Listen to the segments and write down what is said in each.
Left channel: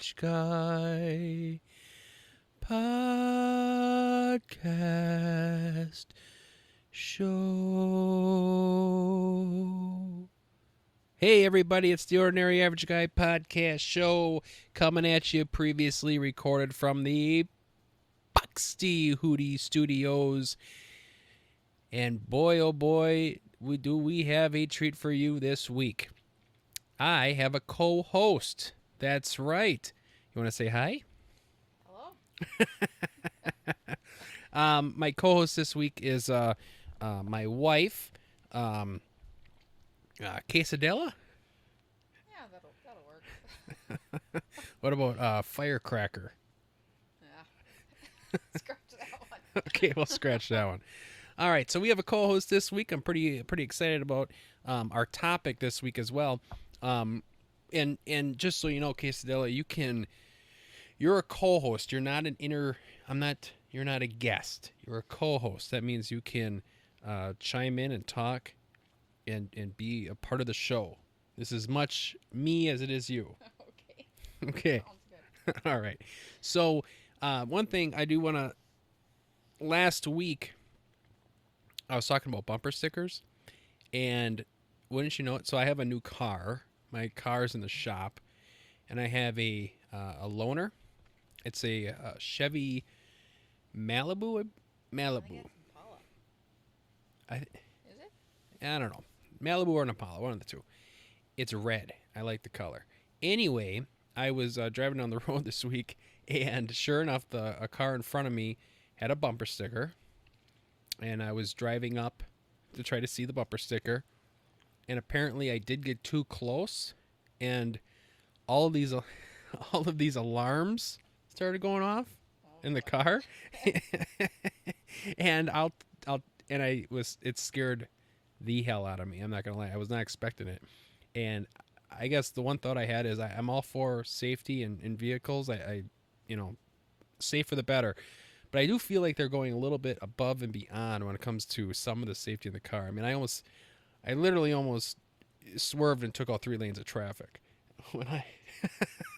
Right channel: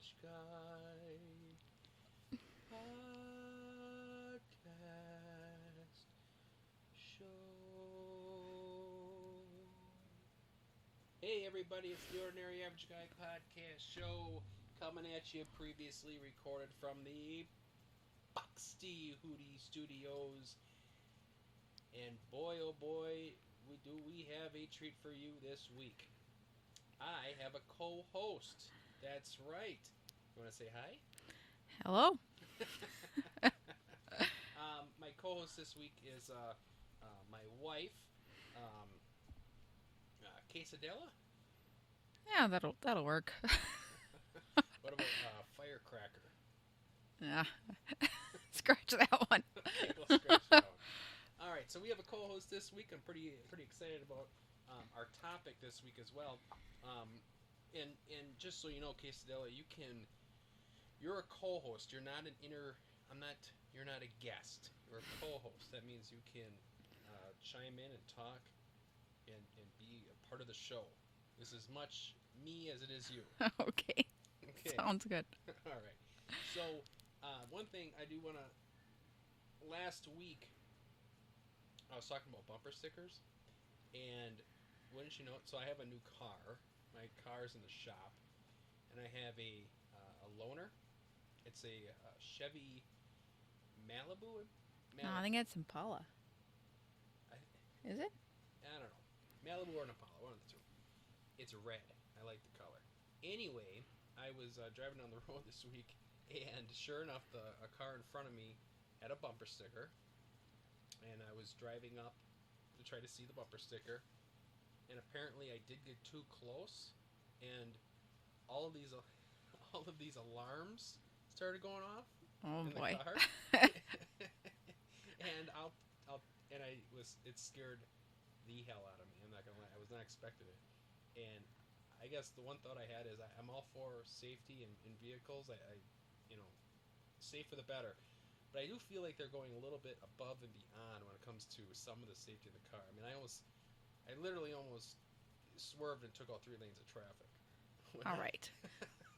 Average Guy Podcast Show. Hey everybody, it's the Ordinary Average Guy Podcast Show coming at you, previously recorded from the Buxty Hootie Studios. And boy, oh boy, we have a treat for you this week. I have a co-host. That's right. You want to say hi? Hello. My co-host this week is my wife, Cassadilla. Yeah, that'll work. What about Firecracker? Yeah. Scratch that one. Okay, we'll scratch that one. All right, so we have a co-host this week. I'm pretty excited about our topic this week as well. And just so you know, Quesadilla, you're a co-host. You're not you're not a guest. You're a co-host. That means you can chime in and talk and be a part of the show. This is much me as it is you. Okay. Okay. Sounds good. All right. So one thing I do want to, last week I was talking about bumper stickers, and wouldn't you know it, so I have a new car. My car's in the shop, and I have a loaner. It's a Chevy Malibu. I think it's Impala. Is it? I don't know. Malibu or an Impala, one of the two. It's red. I like the color. Anyway, I was driving down the road this week, and sure enough, a car in front of me had a bumper sticker, and I was driving up to try to see the bumper sticker, and apparently I did get too close, and all of these alarms started going off in the car, and it scared the hell out of me. I'm not gonna lie, I was not expecting it, and I guess the one thought I had is I'm all for safety in vehicles. I safer the better. But I do feel like they're going a little bit above and beyond when it comes to some of the safety in the car. I mean, I literally almost swerved and took all 3 lanes of traffic. All right.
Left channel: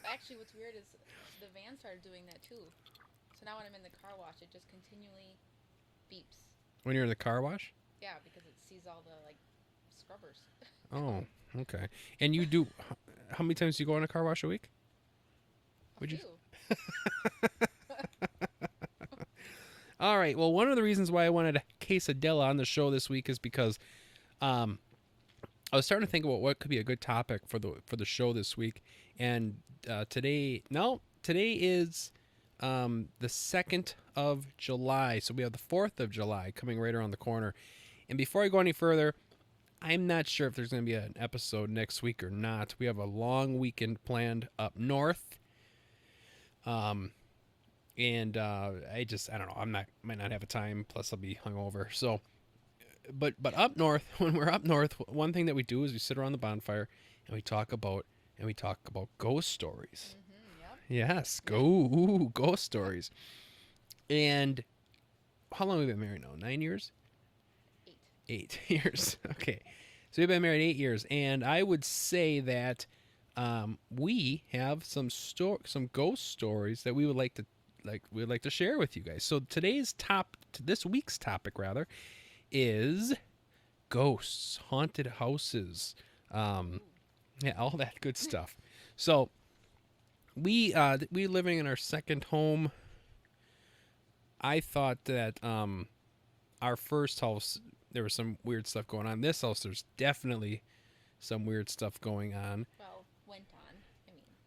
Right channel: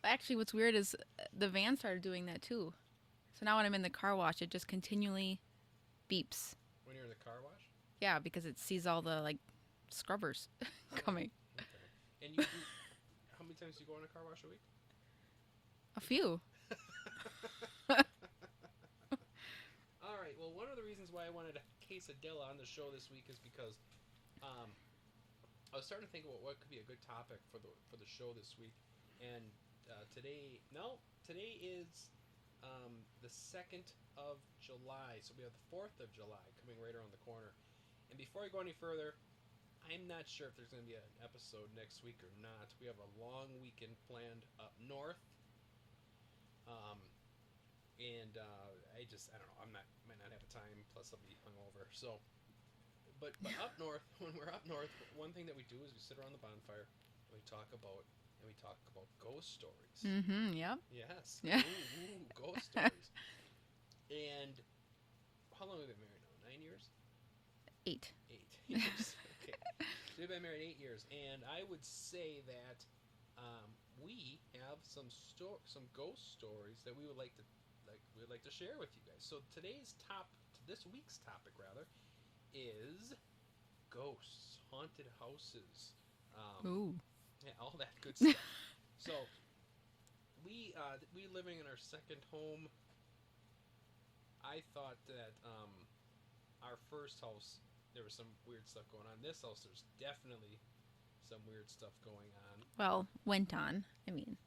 Actually, what's weird is the van started doing that too. So now when I'm in the car wash, it just continually beeps. When you're in the car wash? Yeah, because it sees all the scrubbers coming. Oh, okay. And you do, how many times do you go in a car wash a week? A few. All right. Well, one of the reasons why I wanted a Quesadilla on the show this week is because I was starting to think about what could be a good topic for the show this week. And today is the 2nd of July. So we have the 4th of July coming right around the corner. And before I go any further, I'm not sure if there's going to be an episode next week or not. We have a long weekend planned up north. And I don't know. Might not have a time. Plus, I'll be hungover. So, but up north, when we're up north, one thing that we do is we sit around the bonfire and we talk about ghost stories. Mm-hmm. Yeah. Yes, ghost stories. And how long have we been married now? 9 years. 8. 8 years. Okay, so we've been married 8 years, and I would say that we have some ghost stories that we would like to share with you guys. So this week's topic rather is ghosts, haunted houses, yeah, all that good stuff. So we living in our second home. I thought that our first house there was some weird stuff going on. This house, there's definitely some weird stuff going on. Well, went on. I mean,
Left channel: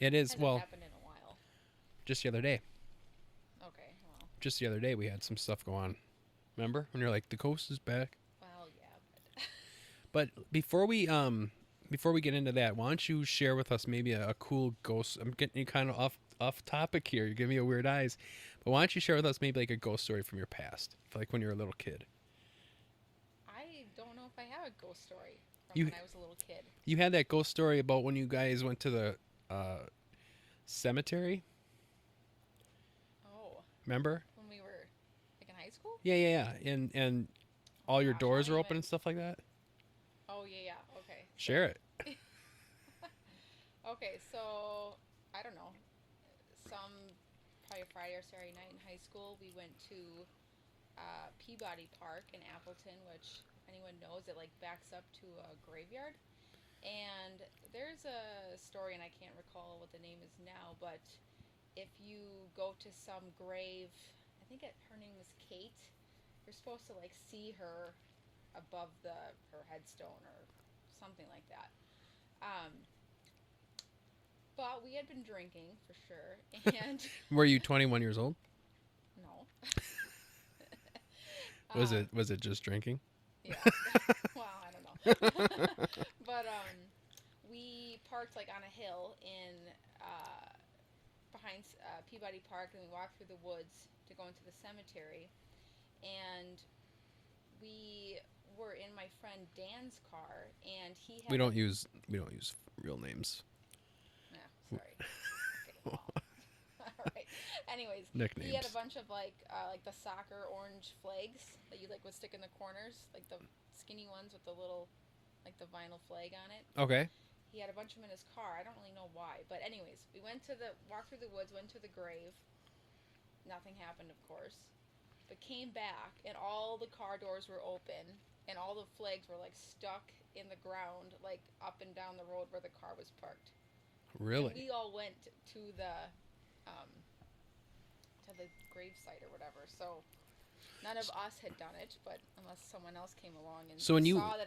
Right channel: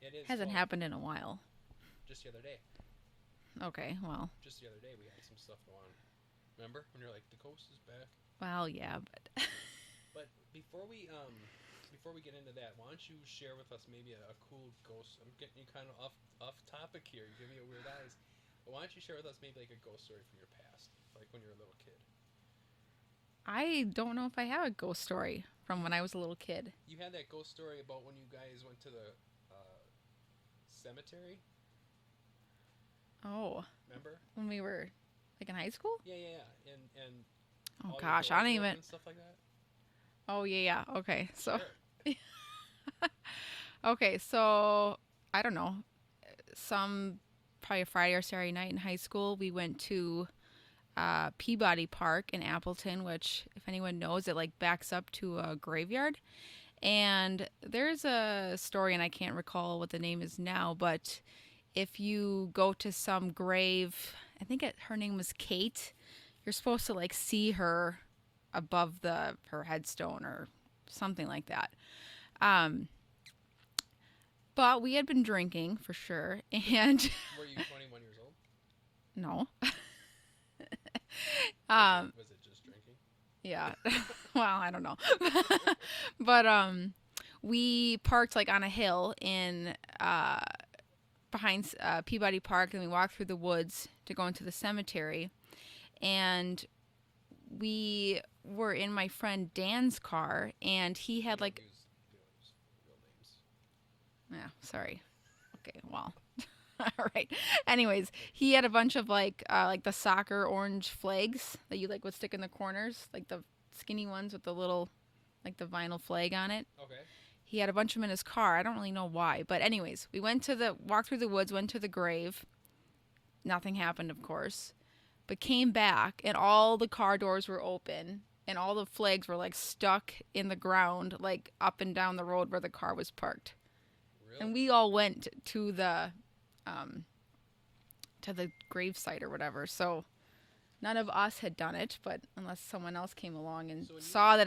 it hasn't happened in a while. Just the other day. Okay, well. Just the other day we had some stuff go on. Remember when you're like, the ghost is back? Well, yeah, but but before we get into that, why don't you share with us maybe a cool ghost? I'm getting you kind of off topic here. You're giving me a weird eyes. But why don't you share with us maybe like a ghost story from your past, like when you were a little kid? I don't know if I have a ghost story from when I was a little kid. You had that ghost story about when you guys went to the cemetery. Oh. Remember? When we were in high school? Yeah. And all your doors were open and stuff like that? Oh, yeah. Okay. Share it. Okay, so I don't know, probably a Friday or Saturday night in high school, we went to Peabody Park in Appleton, which, if anyone knows, it like backs up to a graveyard. And there's a story, and I can't recall what the name is now, but if you go to some grave, I think her name was Kate, you're supposed to like see her above her headstone or something like that. But we had been drinking for sure, and Were you 21 years old? no. Was it just drinking? Yeah. Well, I don't know. But we parked like on a hill in behind Peabody Park, and we walked through the woods to go into the cemetery. And we were in my friend Dan's car, and he had we don't use real names. Yeah, sorry. Okay, well. All right. Anyways, Nicknames. he had a bunch of like the soccer orange flags that you like would stick in the corners, like the skinny ones with the little like the vinyl flag on it. Okay. He had a bunch of them in his car. I don't really know why, but anyways, we walked through the woods, went to the grave. Nothing happened, of course, but came back and all the car doors were open and all the flags were like stuck in the ground, like up and down the road where the car was parked. Really? And we all went to the gravesite or whatever. So none of us had done it, but unless someone else came along and saw that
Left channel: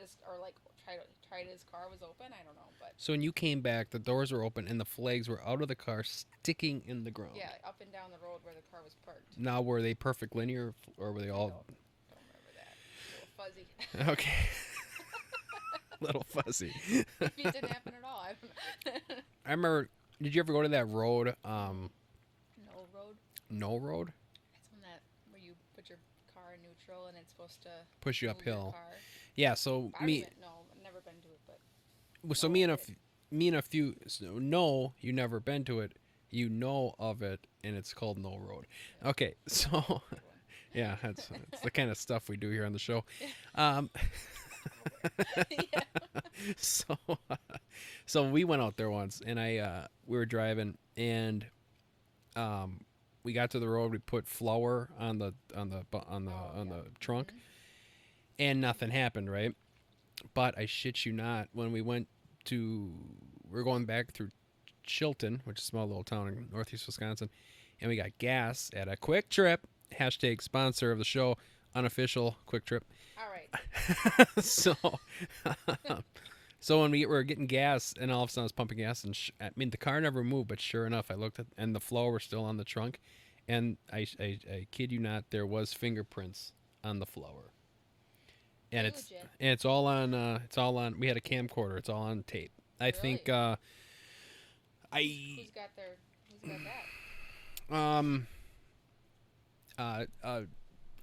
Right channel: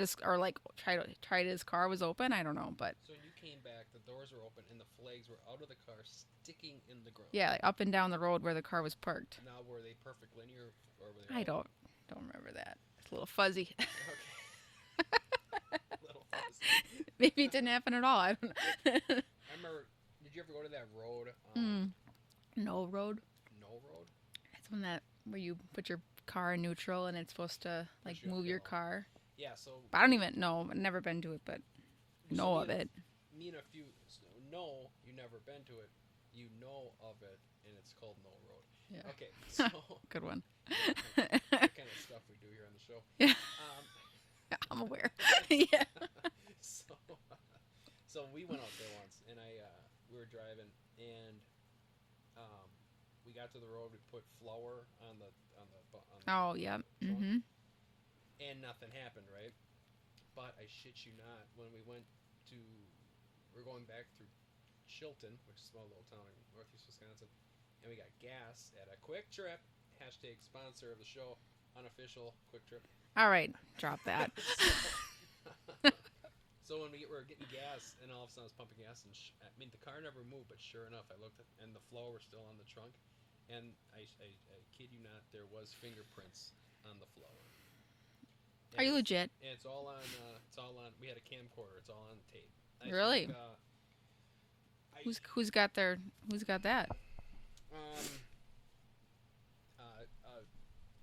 tried his car was open, I don't know. But so when you came back, the doors were open and the flags were out of the car, sticking in the ground. yeah, like up and down the road where the car was parked. Now, were they perfect linear, or were they all? I don't remember that. It's a little fuzzy. Okay. Little fuzzy. Maybe it didn't happen at all. I don't know. I remember. Did you ever go to that road? No road. No road. It's where you put your car in neutral and it's supposed to push you move uphill. your car. Yeah. So I don't even know. I've never been to it, but so me and a few. So no, you never been to it. You know of it, and it's called No Road. Yeah. Okay. So good one. Yeah, that's the kind of stuff we do here on the show. I'm aware. Yeah. So we went out there once, and we were driving, and we got to the road. We put flour on the trunk, and nothing happened, right? But I shit you not, when we're going back through Chilton, which is a small little town in northeast Wisconsin, and we got gas at a Quick Trip. # sponsor of the show, unofficial Quick Trip. All right, got that. So when we were getting gas, and all of a sudden I was pumping gas, and the car never moved, but sure enough, I looked at, and the floor was still on the trunk, and I kid you not, there was fingerprints on the floor. And are you legit? And it's all on. We had a camcorder. It's all on tape. I really? think. Who's got that?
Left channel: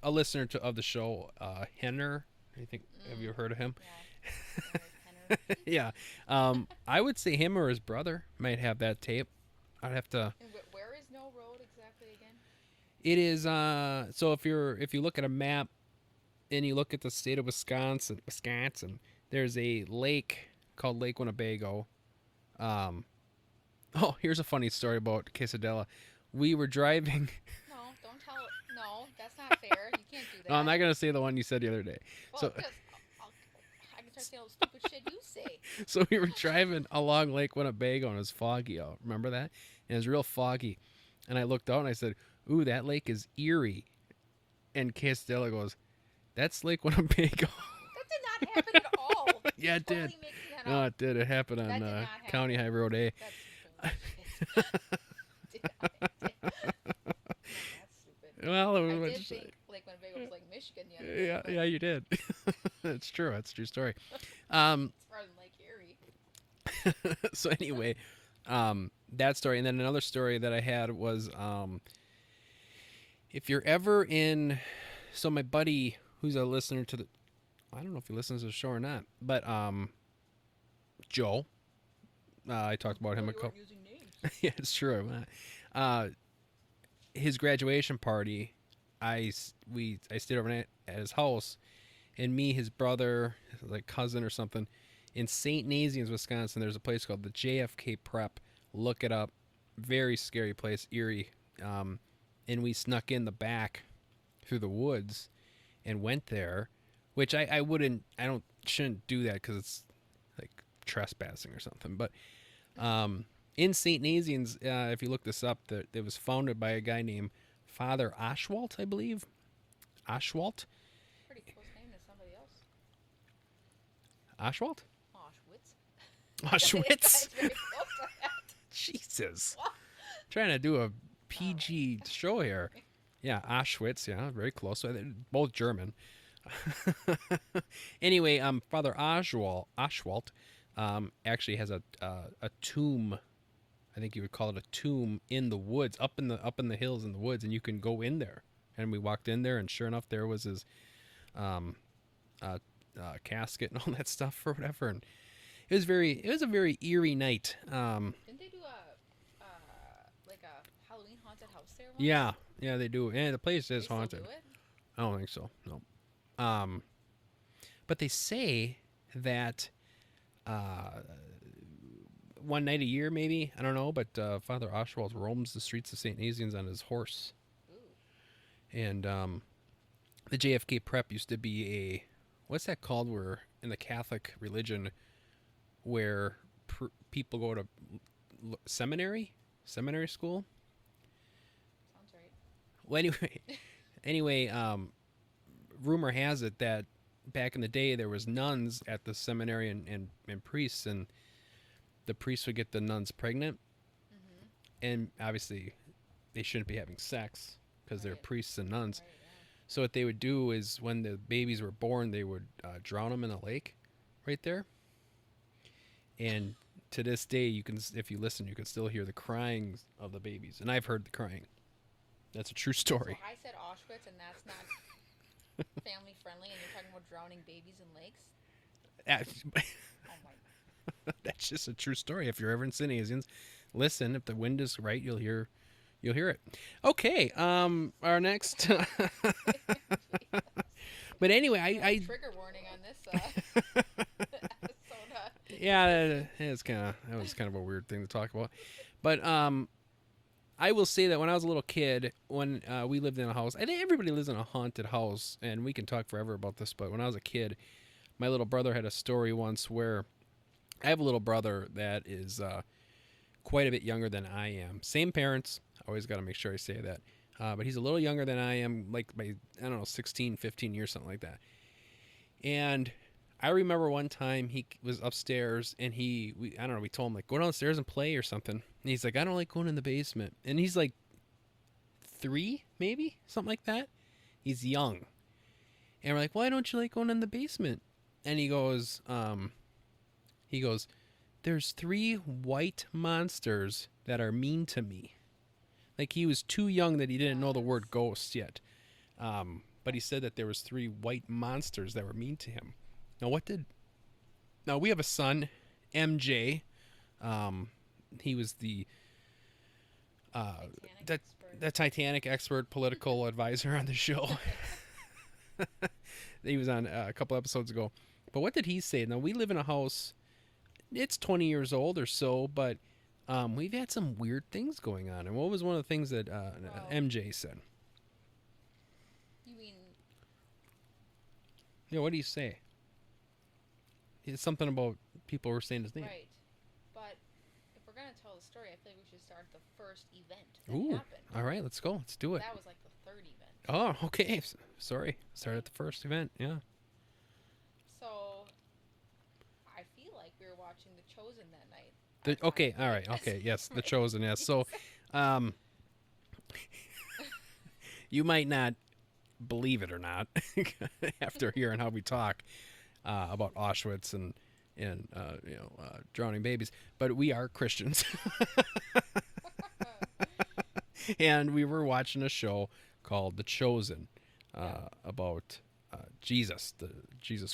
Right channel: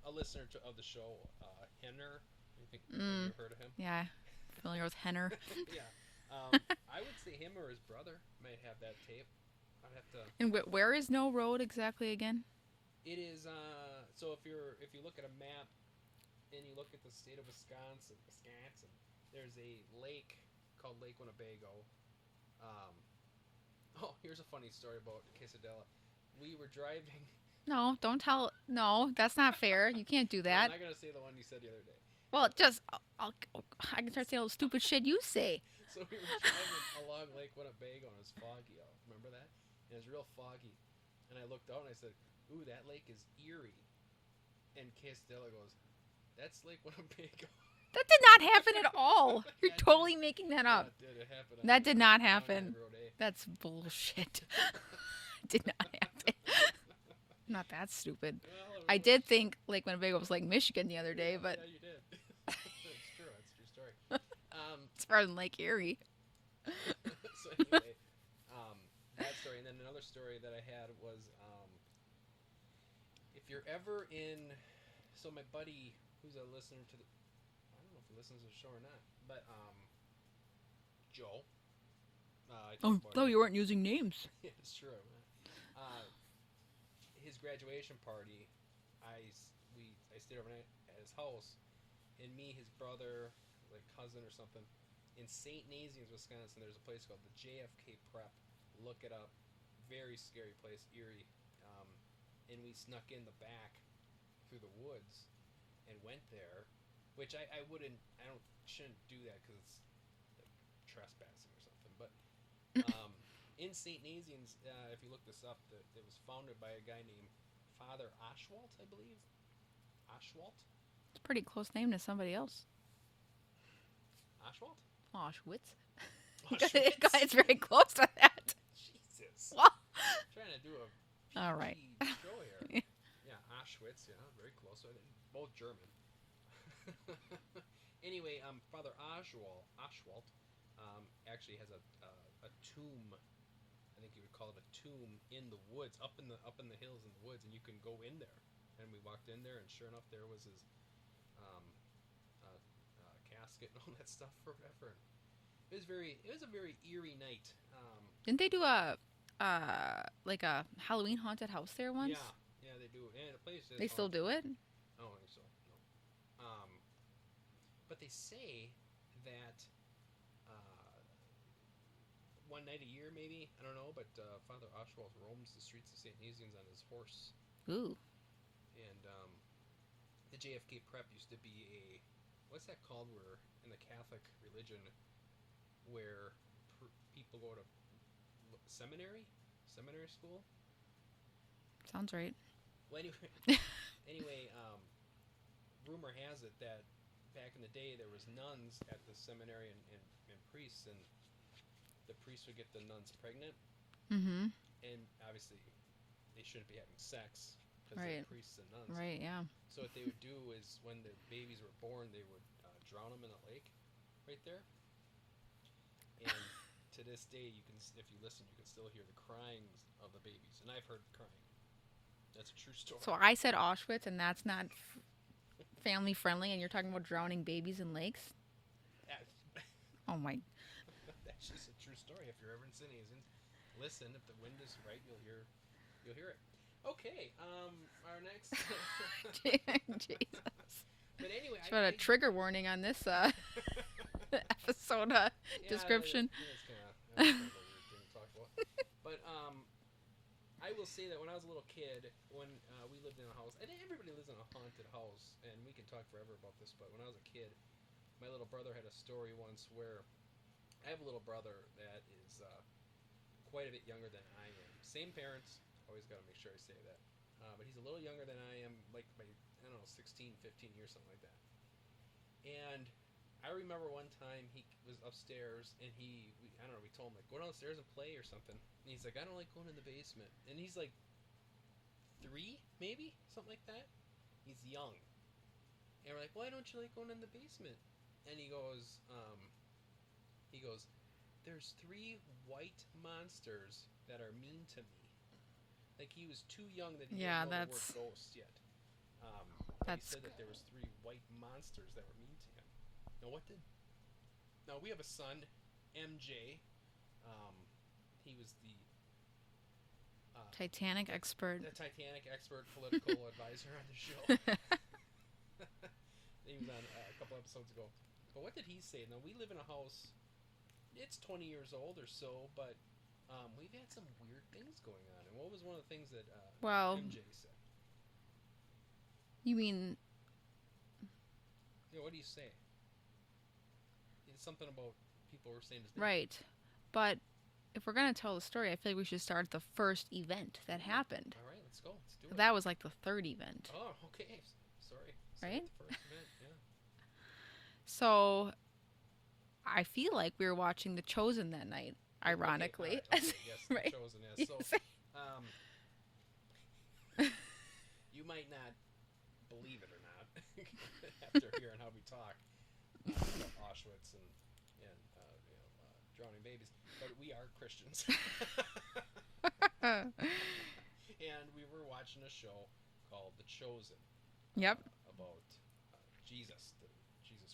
A listener of the show, Henner. I think have you heard of him? Yeah, familiar with Henner. Yeah, I would say him or his brother might have that tape. I'd have to. And where is No Road exactly again? It is so if you look at a map and you look at the state of Wisconsin, there's a lake called Lake Winnebago. Oh, here's a funny story about Cassadilla. We were driving. No, don't tell. No, that's not fair. You can't do that. No, I'm not gonna say the one you said the other day. Well, I can start saying all the stupid shit you say. So we were driving along Lake Winnebago, and it was foggy out. Remember that? And it was real foggy. And I looked out and I said, "Ooh, that lake is eerie." And Cassadilla goes, "That's Lake Winnebago." That did not happen at all. Yeah, You're totally making that up. No, it did. It happened on that did not happen. County High Road A. That's bullshit. Did not happen. Not that stupid. Well, I did think Lake Winnebago was like Michigan the other day. Yeah, but yeah, you did. That's true. That's a true story. It's farther than Lake Erie. So anyway, that story, and then another story that I had was, if you're ever in, so my buddy who's a listener to the, I don't know if he listens to the show or not, but Joe. I talked about him. No, you weren't using names. Yeah, it's true. His graduation party, I stayed overnight at his house, and me, his brother, like cousin or something, in St. Nazianz, Wisconsin. There's a place called the JFK Prep. Look it up. very scary place, Erie. And we snuck in the back through the woods and went there, which I wouldn't, I don't, shouldn't do that because it's like trespassing or something. But in St. Nazianz, if you look this up, it was founded by a guy named Father Ashwalt, I believe. Ashwalt? It's a pretty close name to somebody else. Ashwalt? Auschwitz. Auschwitz. It's very close to that. Jesus. Well, Trying to do a All PG show here. Yeah, Auschwitz. Yeah, very close. So both German. Anyway, Father Ashwalt actually has a tomb. I think you would call it a tomb in the woods, up in the hills in the woods, and you can go in there. And we walked in there, and sure enough, there was his casket and all that stuff or whatever. And it was a very eerie night. didn't they do a Halloween haunted house there once? Yeah, they do. And the place is They haunted. still do it? I don't think so. No. But they say that one night a year, maybe, I don't know, but Father Oswald roams the streets of St. Nazianz on his horse. Ooh. And the JFK Prep used to be a, what's that called, where in the Catholic religion where people go to seminary school? Sounds right. Well, anyway, rumor has it that back in the day there was nuns at the seminary and priests, and the priests would get the nuns pregnant, Mm-hmm. and obviously they shouldn't be having sex because they're Right. priests and nuns. Right, yeah. So what they would do is when the babies were born, they would drown them in a lake right there. And to this day, you can, if you listen, you can still hear the crying of the babies, and I've heard the crying. That's a true story. So I said Auschwitz, and that's not family friendly, and you're talking about drowning babies in lakes? Oh my. That's just a true story. If you're ever in St. Nazianz, listen. If the wind is right, you'll hear it. Okay. Our next. Jesus. But anyway, I trigger warning on this episode. yeah, description. that was kind of a weird thing to talk about. But I will say that when I was a little kid, when we lived in a house, I think everybody lives in a haunted house, and we can talk forever about this. But when I was a kid, my little brother had a story once where I have a little brother that is quite a bit younger than I am. Same parents. Always got to make sure I say that. But he's a little younger than I am, like by, I don't know, 16, 15 years, something like that. And I remember one time he was upstairs and we told him, like, go downstairs and play or something. And he's like, I don't like going in the basement. And he's like 3, maybe, something like that. He's young. And we're like, why don't you like going in the basement? And he goes, there's 3 white monsters that are mean to me. Like, he was too young that he didn't know the word ghost yet. But he said that there was 3 white monsters that were mean to him. Now we have a son, MJ. He was the Titanic expert. the Titanic expert political advisor on the show. He was on a couple episodes ago. But what did he say? Now, we live in a house, it's 20 years old or so, but we've had some weird things going on. And what was one of the things that MJ said? You mean... Yeah, what do you say? It's something about people were saying his name. Right. But if we're going to tell the story, I feel like we should start at the first event that Ooh. happened. All right, let's go. Let's do it. That was like the third event. Oh, okay. Sorry. Start Right? at the first event. Yeah. So I feel like we were watching The Chosen that night. Okay. All right. ironically. Okay. Yes. Right. The Chosen. Yes. So, you might not believe it or not after hearing how we talk about Auschwitz and drowning babies, but we are Christians. And we were watching a show called The Chosen about Jesus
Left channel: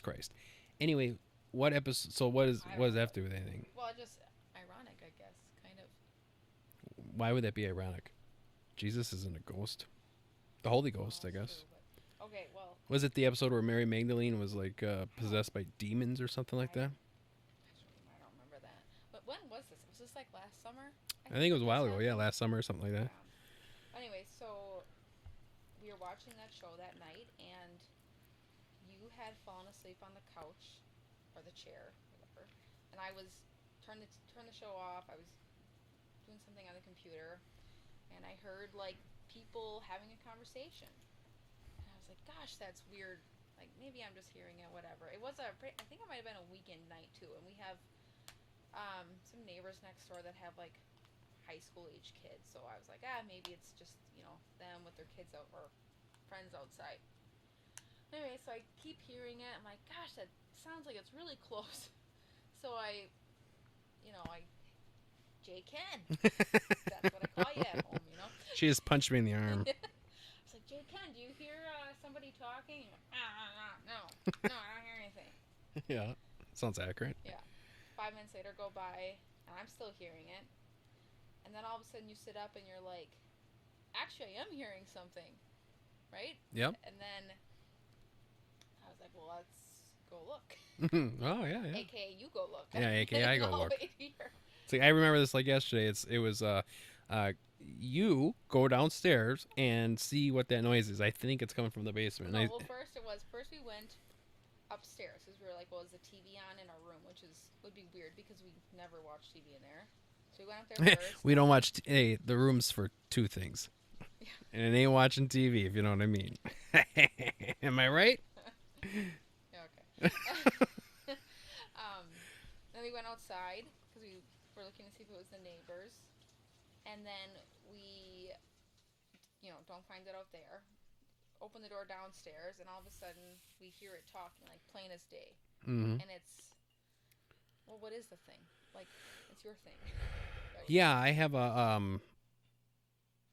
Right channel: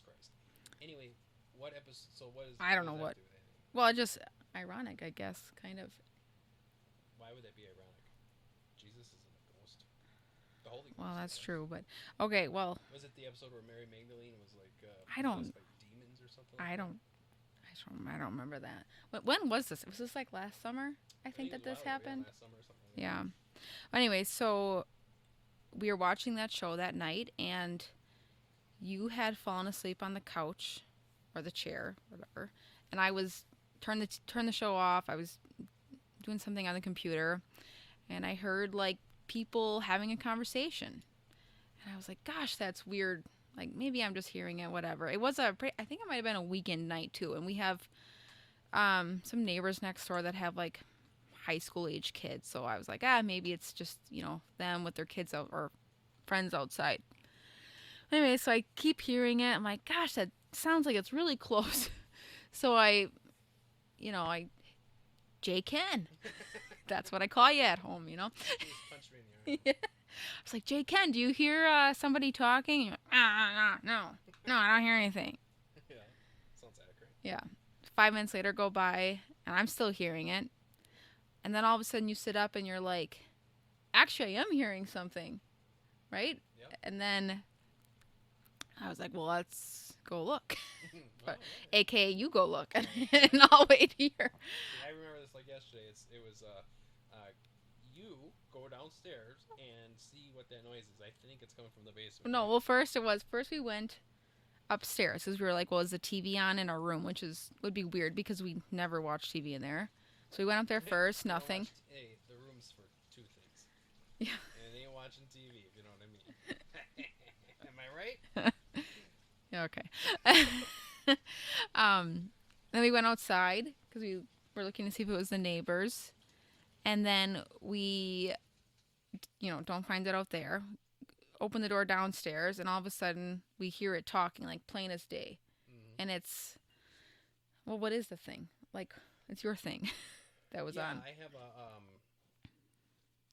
Christ. Anyway, what episode? So what does that have to do with anything? Well, just ironic, I guess, kind of. Why would that be ironic? Jesus isn't a ghost. The Holy Ghost, Well, I guess. that's true, but okay. Well, Was it the episode where Mary Magdalene was like possessed by demons or something like that? I I don't remember that. When was this? Was this like last summer? I think it was a that while this ago. Yeah, happened? last summer or something like that. Yeah. Anyway, so we were watching that show that night, and you had fallen asleep on the couch or the chair, whatever, and I was turn the show off. I was doing something on the computer, and I heard like people having a conversation, and I was like, "Gosh, that's weird." Like maybe I'm just hearing it, whatever. It was I think it might have been a weekend night too, and we have some neighbors next door that have like high school age kids. So I was like, maybe it's just them with their kids out or friends outside. Anyway, so I keep hearing it. I'm like, gosh, that sounds like it's really close. So I J Ken. That's what I call you at home, She just punched me in the arm. Yeah. I was like, J Ken, do you hear somebody talking? You're like, no, I don't hear anything. Yeah, sounds accurate. Yeah. 5 minutes later go by, and I'm still hearing it. And then all of a sudden you sit up and you're like, actually, I am hearing something, right? Yep. And then I was like, well, let's go look. Oh, yeah. AKA you go look. Yeah, AKA I and go I'll look. wait here. See, I remember this like yesterday. It was you go downstairs and see what that noise is. I think it's coming from the basement. No, well, first we went upstairs because we were like, well, is the TV on in our room, which would be weird because we never watch TV in there. So we went up there first. We don't watch. Hey, the room's for two things. Yeah. And it ain't watching TV, if you know what I mean. Am I right? Yeah, okay. Then we went outside because we were looking to see if it was the neighbors. And then we, don't find it out there. Open the door downstairs, and all of a sudden we hear it talking, like plain as day. Mm-hmm. And it's, well, what is the thing? Like, it's your thing. That was Yeah, on. I have a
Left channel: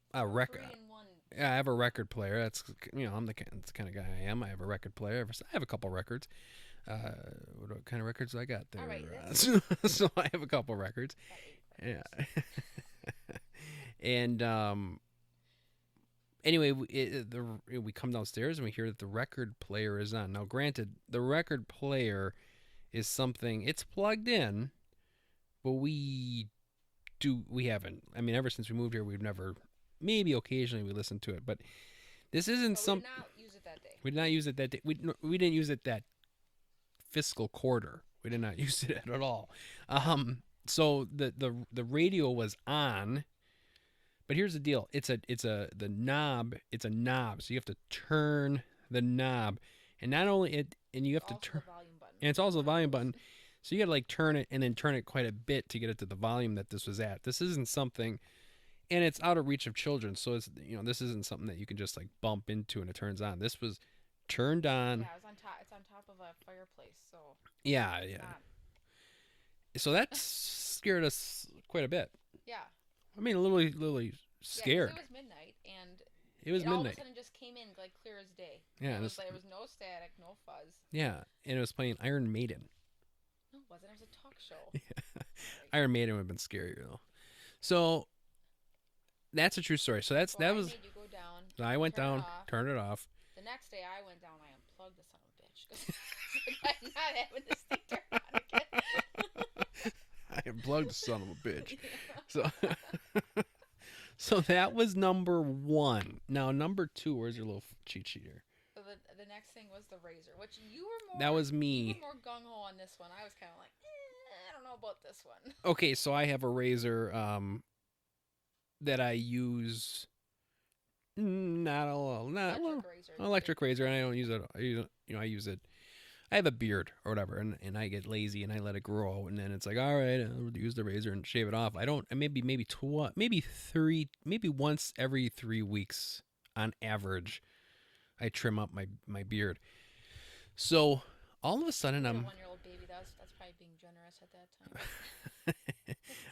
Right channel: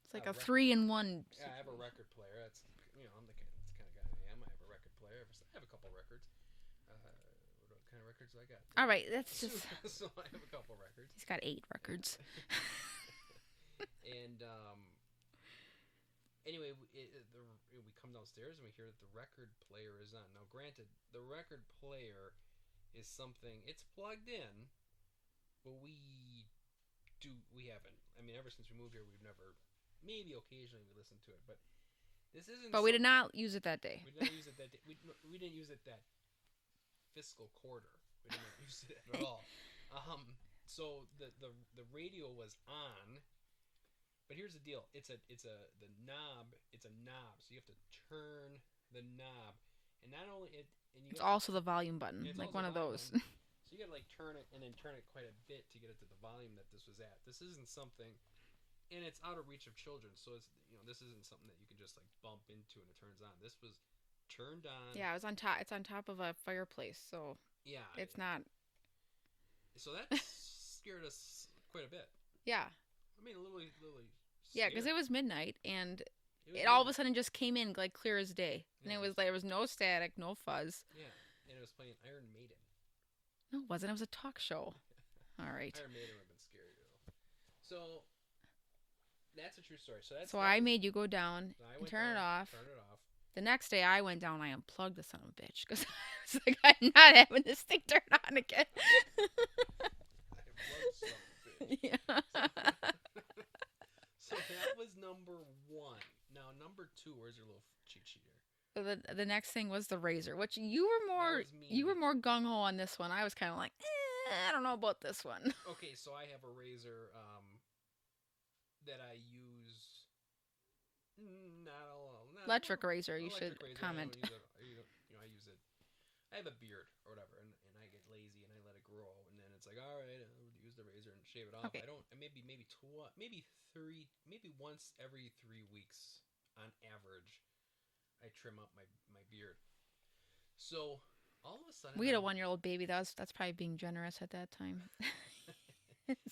It's like a record. 3-in-1. Yeah, I have a record player. That's I'm that's the kind of guy I am. I have a record player. I have a couple records. What kind of records do I got there? All right, so I have a couple records. It's got 8 records. Yeah. And anyway, we come downstairs and we hear that the record player is on. Now, granted, the record player is something, it's plugged in, but we haven't. I mean, ever since we moved here, we've never, maybe occasionally we listen to it, but this isn't. But we did not use it that day. We did not use it that day. We didn't use it that fiscal quarter. We did not use it at all. So the radio was on. But here's the deal. It's a knob. It's a knob. So you have to turn the knob, and not only it, and you have It's also to the volume button. and it's also the one of volume those. button. So you got to like turn it and then turn it quite a bit to get it to the volume that this was at. This isn't something, and it's out of reach of children. So it's this isn't something that you can just like bump into and it turns on. This was turned on. Yeah, it's on top. It's on top of a fireplace, so Yeah, it's yeah. not. So that scared us quite a bit. Yeah. I mean, literally Yeah, scared. because it was midnight, and It all of a sudden just came in like clear as day. Yeah, And it it was- was like there was no static, no fuzz. Yeah, and it was playing Iron Maiden. No, it wasn't. It was a talk show. All right. Iron Maiden would have been scarier though. So that's a true story. So that I was. made you go down. So I went turn down, it off. turned it off. The next day I went down. I unplugged the son of a bitch because like, I'm not having this thing turned on again. I unplugged the son of a bitch. Yeah. So that was number one. Now number two. Where's your little cheat sheet here? So the next thing was the razor, which you were more. That was me. You were more gung ho on this one. I was kind of like, I don't know about this one. Okay, so I have a razor that I use. Not a lot. Electric razor. you Electric should razor, and I don't comment. use it. I use it. I have a beard or whatever, and I get lazy and I let it grow, and then it's like, all right, I'll use the razor and shave it off. I don't. Maybe once every 3 weeks on average, I trim up my beard. So all of a sudden, We had a 1-year-old baby. That's probably being generous at that time.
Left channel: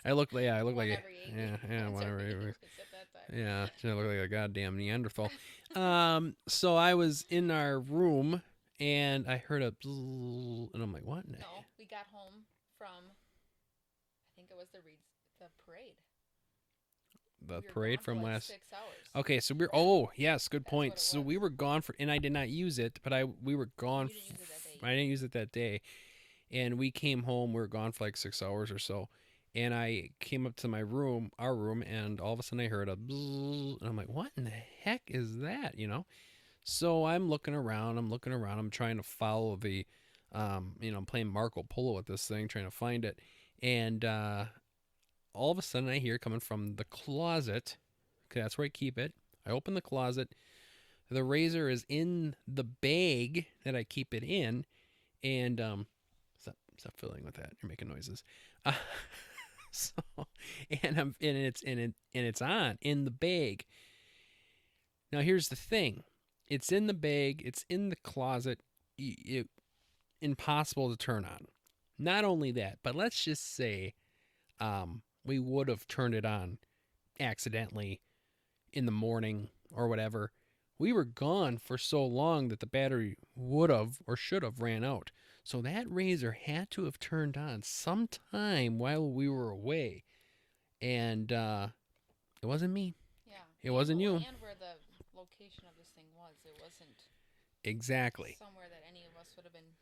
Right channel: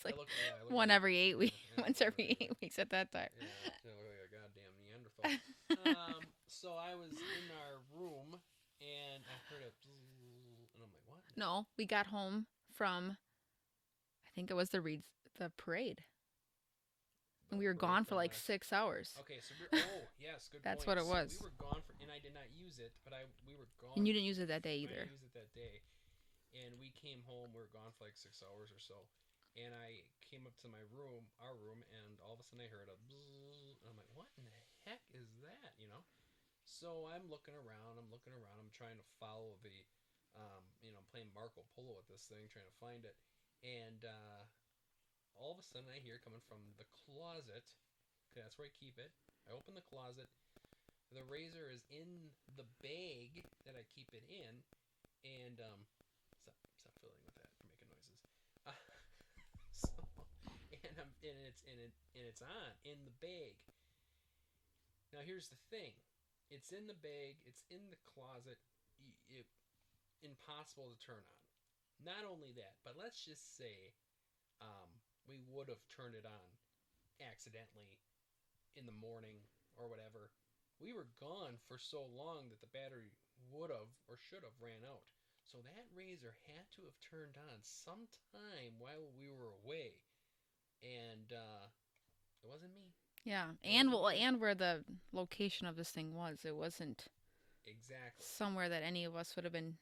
I look like One every 8 weeks. Yeah, Once one every every 8 week. weeks at that time. Yeah, I look like a goddamn Neanderthal. So I was in our room and I heard a bzzz, and I'm like, what? No, we got home from, I think it was the parade. The We were parade gone for from like last- 6 hours. Okay, so oh yes, good That's point. what it So we was. were gone for, and I did not use it, but we were gone. And you didn't use it that day I either. didn't use it that day, And we came home. We were gone for like 6 hours or so. And I came up to my room, our room, and all of a sudden I heard a bzzz, and I'm like, what in the heck is that? So I'm looking around. I'm trying to follow the, I'm playing Marco Polo with this thing, trying to find it. And all of a sudden I hear coming from the closet. Okay, that's where I keep it. I open the closet. The razor is in the bag that I keep it in, and stop fiddling with that. You're making noises. Uh, so, it's on in the bag. Now here's the thing: it's in the bag. It's in the closet. Impossible to turn on. Not only that, but let's just say, we would have turned it on accidentally in the morning or whatever. We were gone for so long that the battery would have or should have ran out. So that razor had to have turned on sometime while we were away. And it wasn't me. Yeah. It wasn't you. And where the location of this thing was. It wasn't exactly somewhere that any of us would have been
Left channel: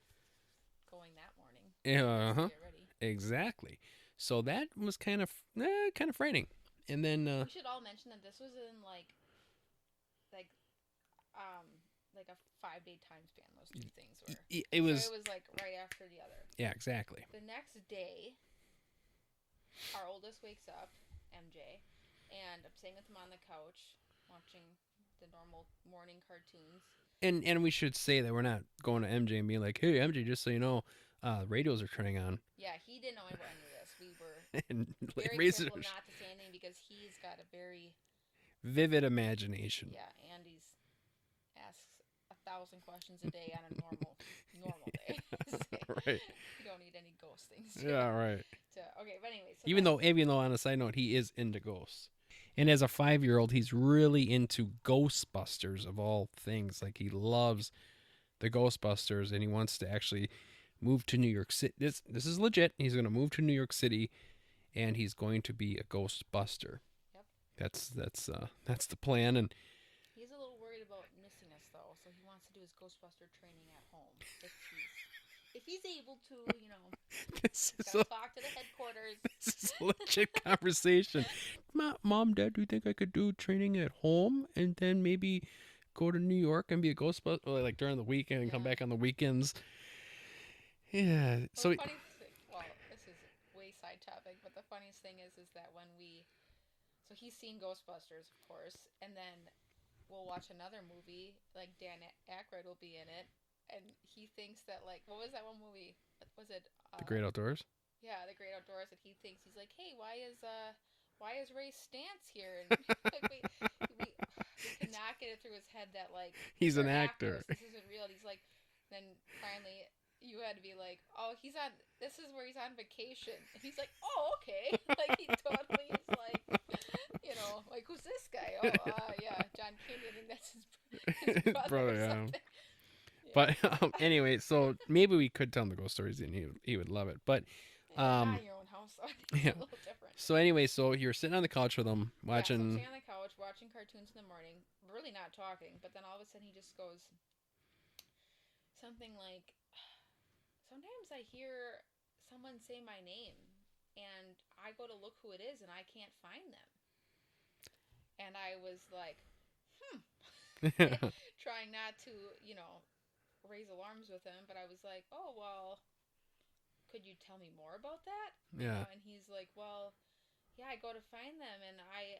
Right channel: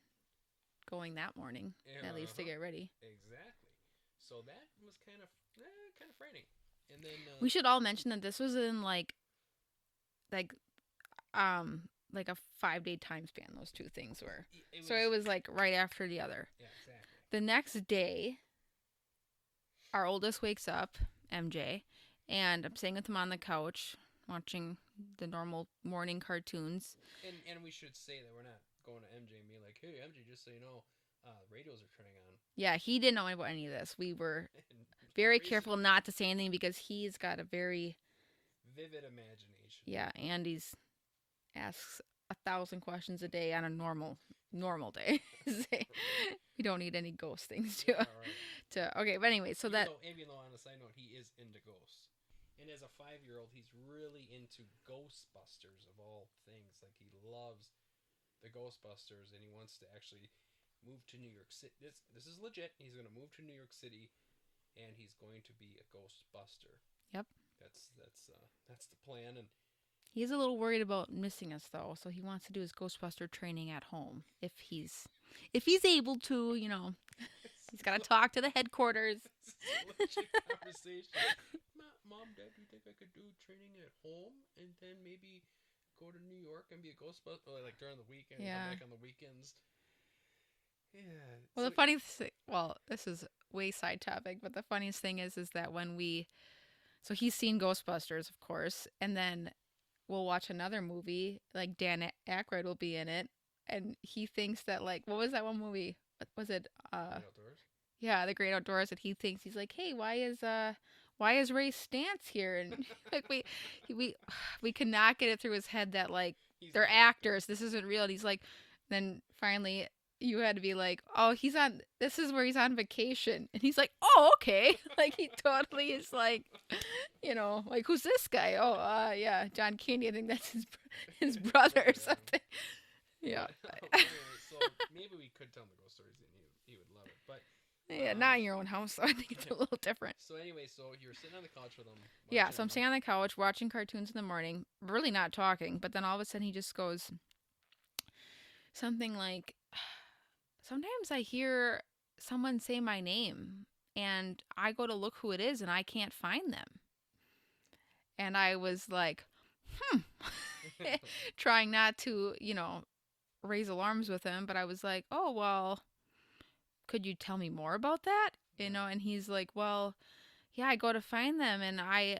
going that morning to get ready. Exactly. So that was kind of frightening. And then we should all mention that this was in like a 5-day time span. Those two things were. It was like right after the other. Yeah, exactly. The next day, our oldest wakes up, MJ, and I'm sitting with him on the couch watching the normal morning cartoons. And we should say that we're not going to MJ and being like, hey, MJ, just so you know, radios are turning on. Yeah, he didn't know about any of this. We were very careful not to say anything because he's got a very vivid imagination. Yeah, Andy's asks 1,000 questions a day on a normal day. Right. You don't need any ghost things. Right. Okay, but anyway, so even though on a side note, he is into ghosts. And as a 5-year-old, he's really into Ghostbusters of all things. Like, he loves the Ghostbusters, and he wants to actually move to New York City. This is legit. He's going to move to New York City, and he's going to be a Ghostbuster. Yep. That's the plan. And he's a little worried about missing us, though, so he wants to do his Ghostbuster training at home if he's able to. He's got to talk to the headquarters. This is a legit conversation. Mom, Dad, do you think I could do training at home and then maybe go to New York and be a Ghostbuster, like during the weekend and come back on the weekends? Yeah. Well, the funny thing, this is way side topic, but the funniest thing is that when so he's seen Ghostbusters, of course, and then we'll watch another movie, like Dan Aykroyd will be in it, and he thinks that, like, what was that one movie? Was it The Great Outdoors? Yeah, The Great Outdoors. And he's like, hey, why is Ray Stantz here? And like, we could not get it through his head that, like, they're actors. This isn't real. And he's like, then finally you had to be like, oh, this is where he's on vacation. And he's like, oh, okay. Like, he totally is like, like, who's this guy? Oh, yeah, John Candy. I think that's his brother or something. Yeah. But anyway, so maybe we could tell him the ghost stories and he would love it. But not in your own house, so I think it's a little different. So anyway, so you're sitting on the couch with him watching. Yeah, so I'm sitting on the couch watching cartoons in the morning, really not talking. But then all of a sudden he just goes something like, sometimes I hear someone say my name and I go to look who it is and I can't find them. And I was like, trying not to, raise alarms with him. But I was like, oh, well, could you tell me more about that? And he's like, well, yeah, I go to find them and I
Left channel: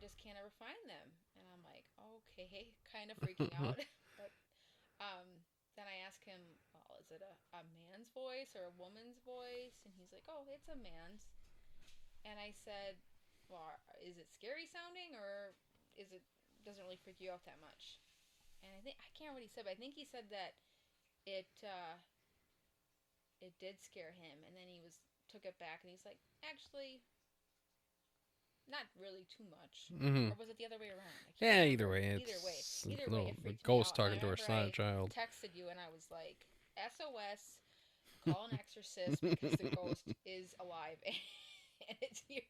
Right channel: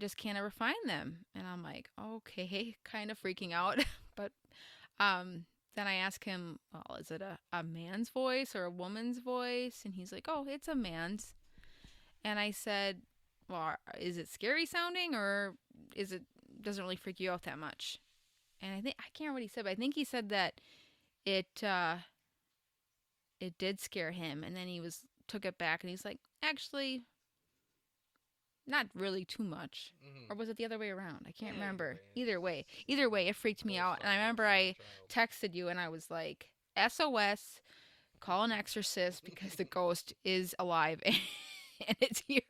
just can't ever find them. And I'm like, okay, kind of freaking out. But then I ask him, well, is it a man's voice or a woman's voice? And he's like, oh, it's a man's. And I said, well, is it scary sounding or doesn't really freak you out that much? And I can't remember what he said, but I think he said that it did scare him. And then he took it back and he's like, actually, not really too much. Mm-hmm. Or was it the other way around? I can't remember. Either way, it freaked me out. And I remember I texted you and I was like, SOS, call an exorcist because the ghost is alive and it's here.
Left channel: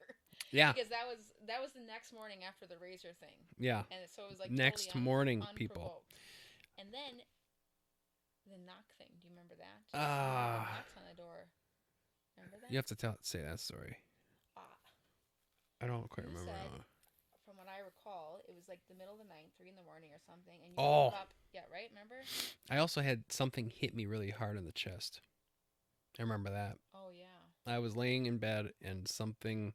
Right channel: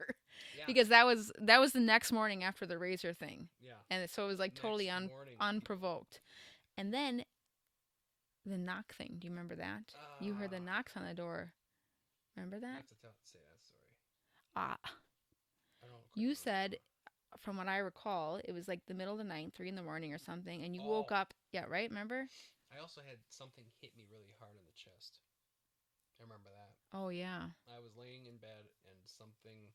Yeah. Because that was the next morning after the razor thing. Yeah. And so it was like next totally unprovoked. People. And then the knock thing. Do you remember that? You heard the knocks on the door. Remember that? You have to say that story. Ah. I don't quite You remember said, that. from what I recall, it was like the middle of the night, 3 a.m. or something, and you Oh. woke up. Yeah, right? Remember? I also had something hit me really hard in the chest. I remember that. Oh, yeah. I was laying in bed and something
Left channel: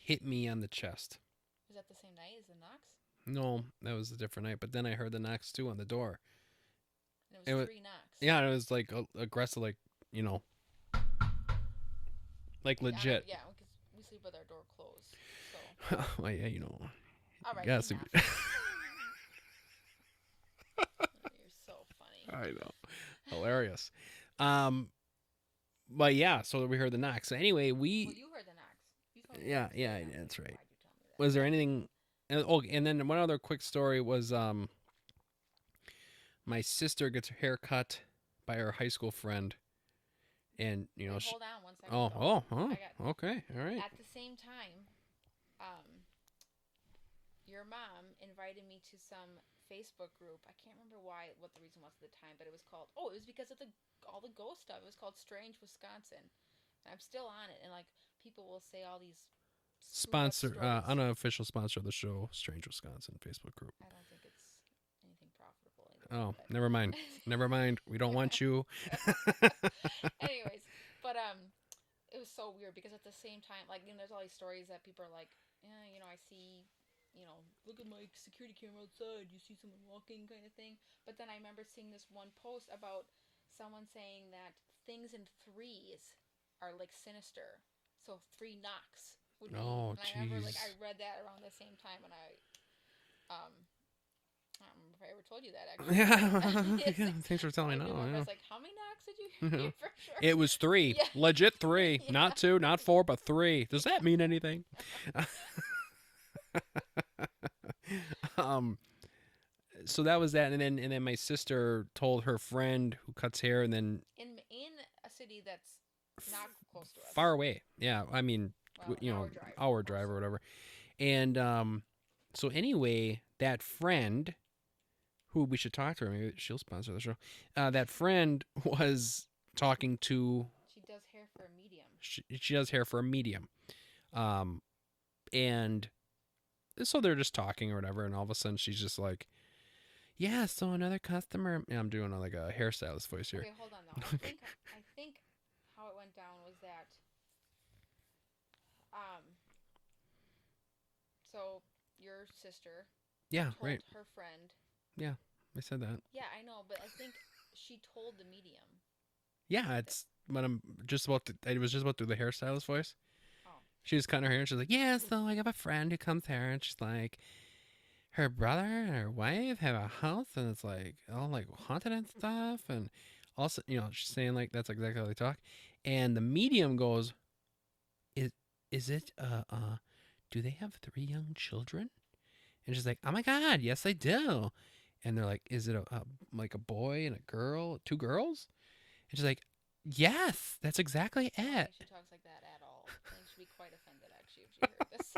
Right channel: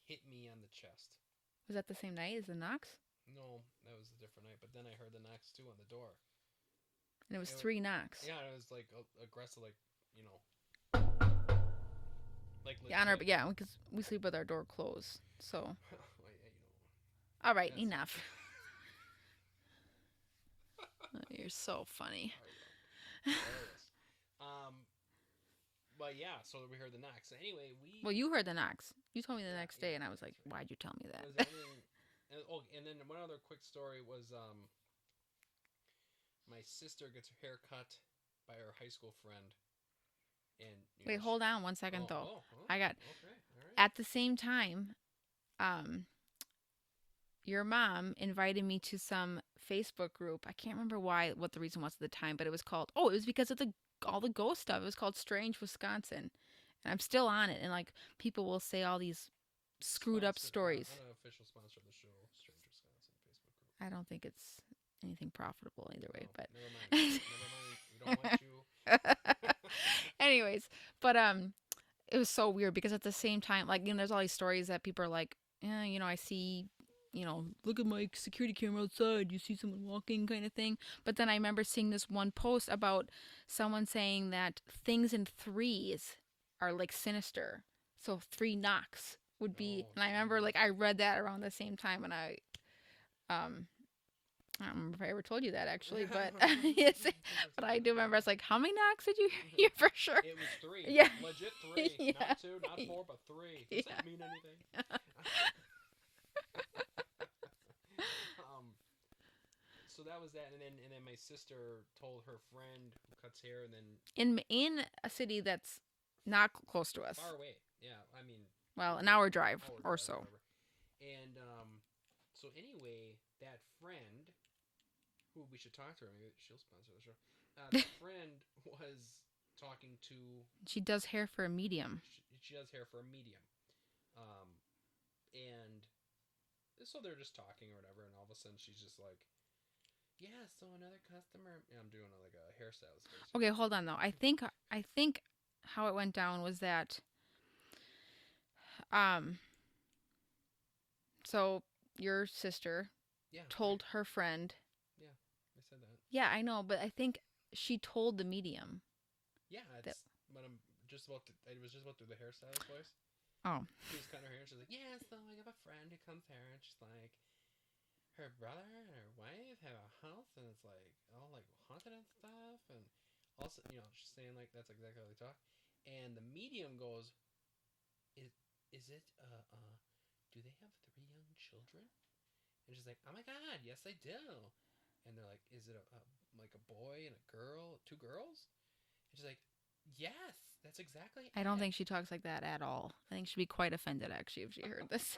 hit me on the chest. Was that the same night as the knocks? No, that was a different night. But then I heard the knocks too on the door. And it was 3 knocks. Yeah, it was like aggressive, like, you know, like legit. Yeah, because we sleep with our door closed. So. Well, yeah, you know. All right, Yeah, enough. You're so funny. I know. Hilarious. But yeah, so we heard the knocks. So anyway, Well, you heard the knocks. You told me the next day, and I was like, right. why'd you tell me that? Was there anything... and then one other quick story was my sister gets her hair cut by her high school friend. And, you know... Wait, hold on 1 second, though. I got... Okay, all right. At the same time, your mom invited me to some Facebook group. I can't remember what the reason was at the time, but it was called... Oh, it was because of all the ghost stuff. It was called Strange Wisconsin. And I'm still on it. And, like, people will say all these screwed up stories. Unofficial sponsor of the show, Strange Wisconsin Facebook group. I don't think it's anything profitable either way. Oh, but. never mind. Never mind. We don't want you. Anyways, but it was so weird because at the same time, like, you know, there's all these stories that people are like, yeah, you know, I see, you know, look at my security camera outside. You see someone walking kind of thing. But then I remember seeing this one post about someone saying that things in threes are like sinister. So 3 knocks would be. And I remember like I read that around the same time, and I don't remember if I ever told you that actually. Yeah, thanks for telling me. I do remember. I was like, how many knocks did you hear for sure? It was 3. Yeah. Legit 3. Yeah. Not 2, not 4, but 3. Does that mean anything? So that was that, and then my sister told her friend who cuts hair, and then in a city that's not close to us, far away. Yeah, I mean, well, an hour drive, or whatever. And so anyway, that friend, who we should talk to her, maybe she'll sponsor the show. That friend was talking to. She does hair for a medium. She does hair for a medium, and so they're just talking or whatever, and all of a sudden she's just like, yeah, so another customer. Yeah, I'm doing like a hairstylist voice here. Okay, hold on though. I think how it went down was that so your sister told her friend. Yeah, I said that. Yeah, I know, but I think she told the medium. Yeah, it's when I'm just about to, I was just about to do the hairstylist voice. Oh. She was cutting her hair and she's like, yeah, so I have a friend who comes here and she's like, her brother and her wife have a house and it's like all like haunted and stuff, and also, you know, she's saying like that's exactly how they talk. And the medium goes, is it do they have 3 young children? And she's like, oh my God, yes I do. And they're like, is it like a boy and a girl, 2 girls? And she's like, yes, that's exactly it. I don't think she talks like that at all. I think she'd be quite offended actually if she heard this.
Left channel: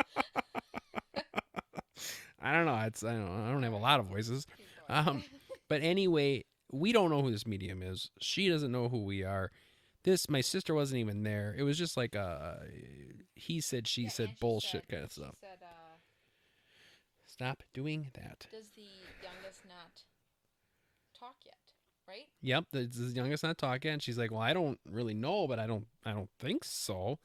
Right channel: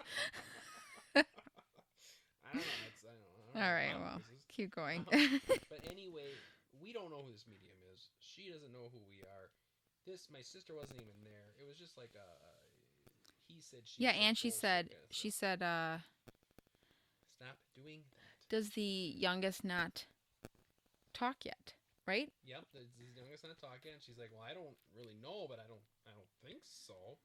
I don't know. I don't have a lot of voices. Keep going. But anyway, we don't know who this medium is. She doesn't know who we are. My sister wasn't even there. It was just like he said, she said, and bullshit kind of stuff. She said, stop doing that. Does the youngest not talk yet? Right? Yep, the youngest not talk yet. And she's like, well, I don't really know, but I don't think so.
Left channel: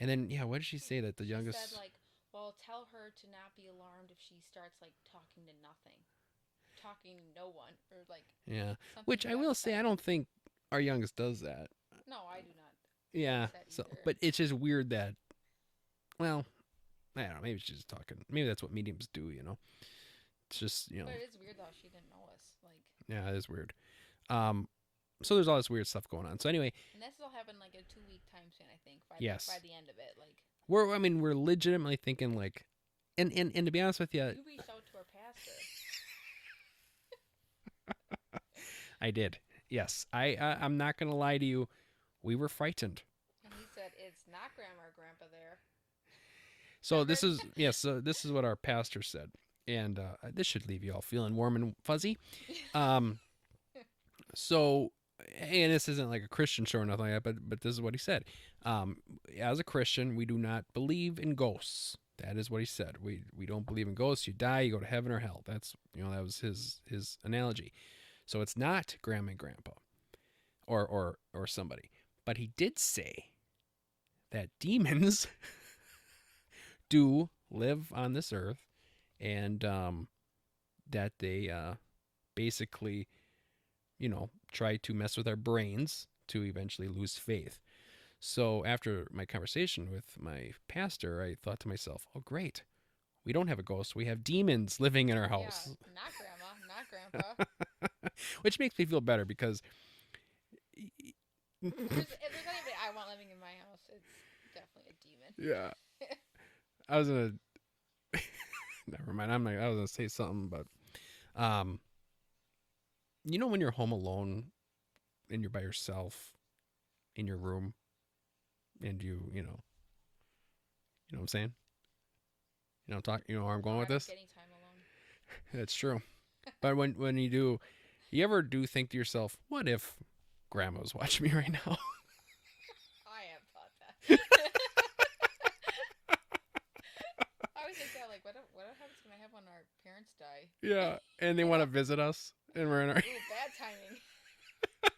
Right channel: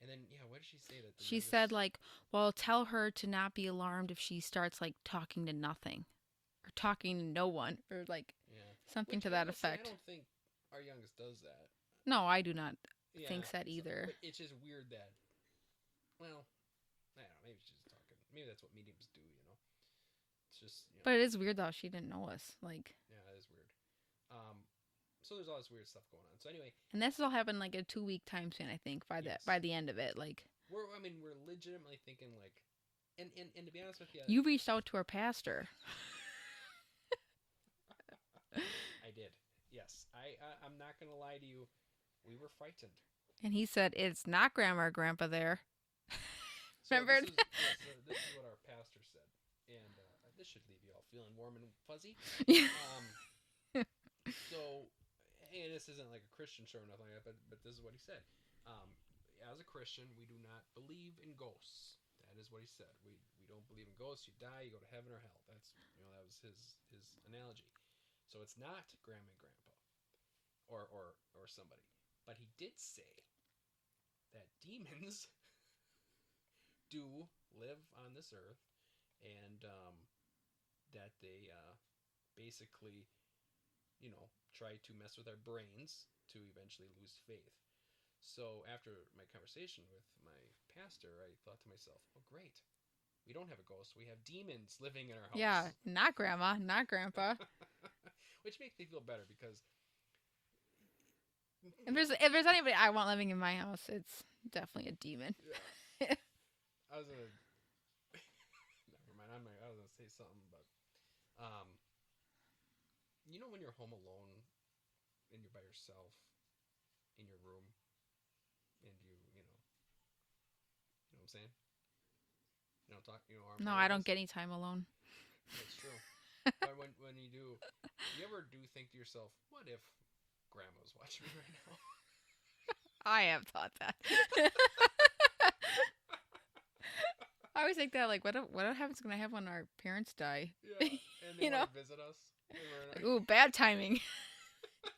And then, yeah, what did she say that the youngest... She said, like, well, tell her to not be alarmed if she starts, like, talking to nothing. Or talking to no one. Or, like, something which to I that will effect. say, I don't think our youngest does that. No, I do not think that either. So, but it's just weird that, well, I don't know, maybe she's just talking. Maybe that's what mediums do, you know? It's just, you know... But it is weird, though. She didn't know us. Like... Yeah, it is weird. So there's all this weird stuff going on. So anyway, and this will happen like a 2-week time span, I think, by the end of it. Like we're legitimately thinking like, and to be honest with you, you reached out to our pastor. I did. Yes, I'm not gonna lie to you. We were frightened. And he said, "It's not grandma or grandpa there." So this is this is what our pastor said, and this should leave you all feeling warm and fuzzy. So, and this isn't like a Christian show or nothing like that, but this is what he said. Um, as a Christian, we do not believe in ghosts. That is what he said. We don't believe in ghosts. You die, you go to heaven or hell. That's that was his analogy. So it's not grandma and grandpa or somebody. But he did say that demons do live on this earth, and that they basically try to mess with our brains to eventually lose faith. So after my conversation with my pastor, I thought to myself, oh, great. We don't have a ghost. We have demons living in our house. Yeah, not grandma, not grandpa. Which makes me feel better because If there's anybody I want living in my house, it's definitely a demon. yeah. I was gonna never mind. I was gonna say something, but when you're home alone and you're by yourself in your room, and you know what I'm saying? Talk. Where I'm going No, with I don't this? get any time alone. That's true. But when you do, you ever do think to yourself, what if grandma's watching me right now? I have thought that. I always think that, like, what happens when I have when our parents die? Yeah, and they want to visit us, and we're in our. Ooh, bad timing.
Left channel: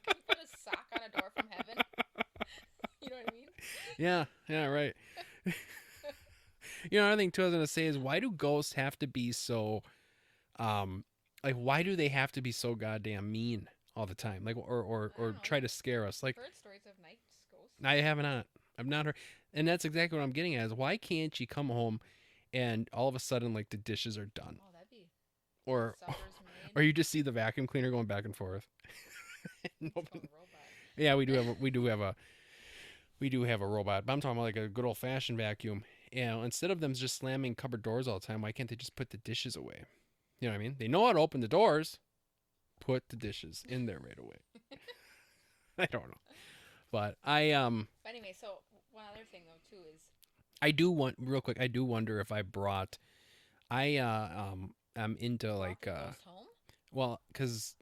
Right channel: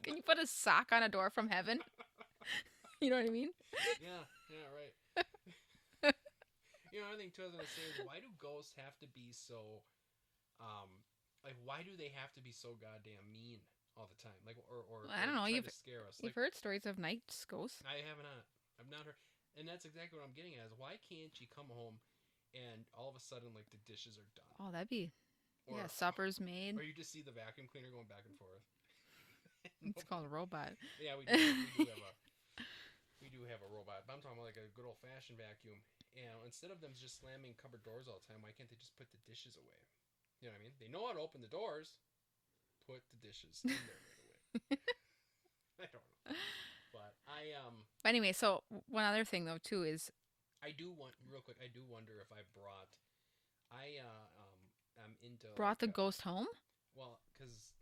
Can you put a sock on a door from heaven? You know what I mean? Yeah, right. Another thing too I was gonna say is, why do ghosts have to be so, like, why do they have to be so goddamn mean all the time? Like, or I don't know, try to scare us? Like, You've heard stories of night ghosts. I have not. I've not heard, and that's exactly what I'm getting at. Is why can't you come home, and all of a sudden, like, the dishes are done, Oh, that'd be. or supper's made. or you just see the vacuum cleaner going back and forth. It's called a robot. Yeah, we do have a robot, but I'm talking about like a good old fashioned vacuum. Instead of them just slamming cupboard doors all the time, why can't they just put the dishes away? You know what I mean? They know how to open the doors. Put the dishes in there right away. I don't know, but But anyway, so one other thing though too is I do want real quick. I do wonder if I brought. I'm into brought like the ghost home. well, because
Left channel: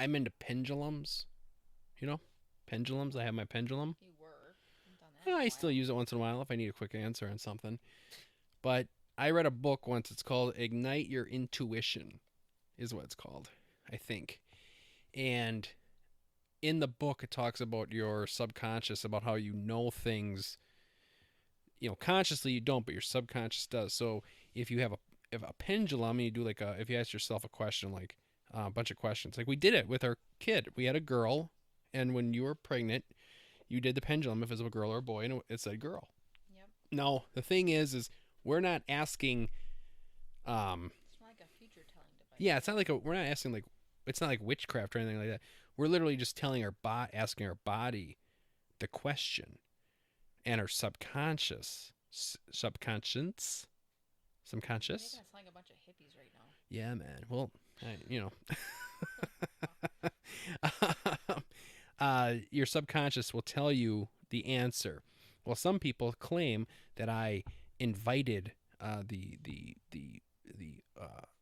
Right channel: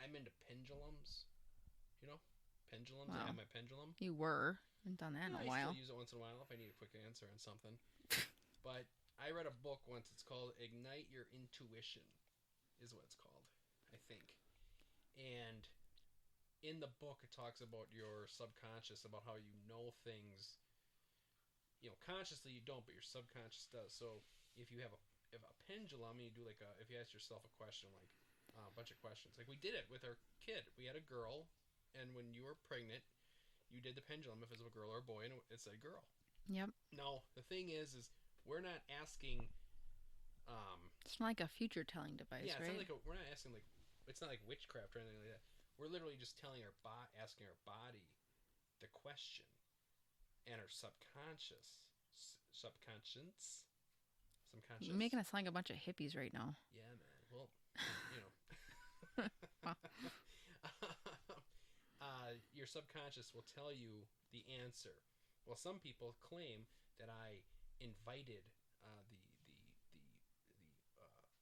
I'm into pendulums. Pendulums. I Wow. have my pendulum. You were. Haven't done that. Yeah, in a I while. still use it once in a while if I need a quick answer on something. But I read a book once. It's called Ignite Your Intuition, is what it's called, I think. And in the book, it talks about your subconscious, about how you know things. Consciously you don't, but your subconscious does. So if you have a pendulum, and you do if you ask yourself a question, like a bunch of questions, like we did it with our kid. We had a girl, and when you were pregnant, you did the pendulum if it was a girl or a boy, and it said girl. Yep. Now, the thing is we're not asking. It's not like a future telling device. Yeah, it's right? not like we're not asking it's not like witchcraft or anything like that. We're literally just telling asking our body the question, and our subconscious. You're making us sound like a bunch of hippies right now. Yeah, man. Well, your subconscious will tell you the answer. Well, some people claim that I invited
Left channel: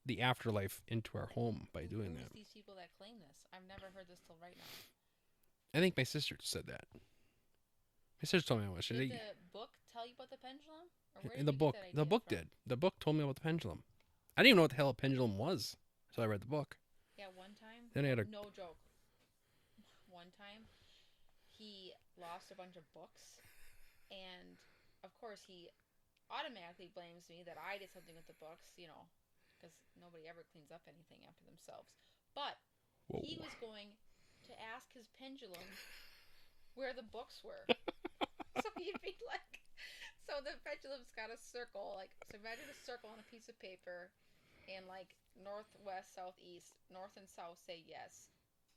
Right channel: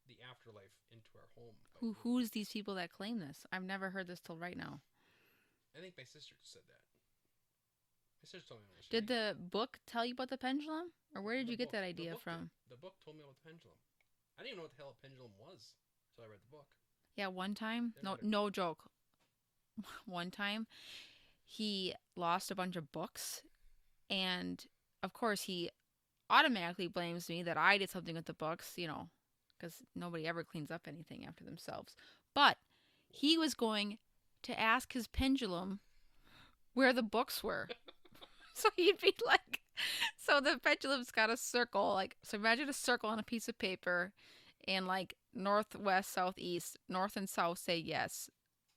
the afterlife into our home by doing Who's that. these people that claim this? I've never heard this till right now. I think my sister said that. My sister told me I was. Did the book tell you about the pendulum? Or where did the you book, get that idea The book from? did. The book told me about the pendulum. I didn't even know what the hell a pendulum was, so I read the book. Yeah, one time. Then I had No joke. One time, he lost a bunch of books, and of course he automatically blames me that I did something with the books, because nobody ever cleans up anything after themselves. But Whoa. he was going to ask his pendulum where the books were. So he'd be like, so the pendulum's got a circle, so imagine a circle on a piece of paper, and north, west, south, east. North and south say yes,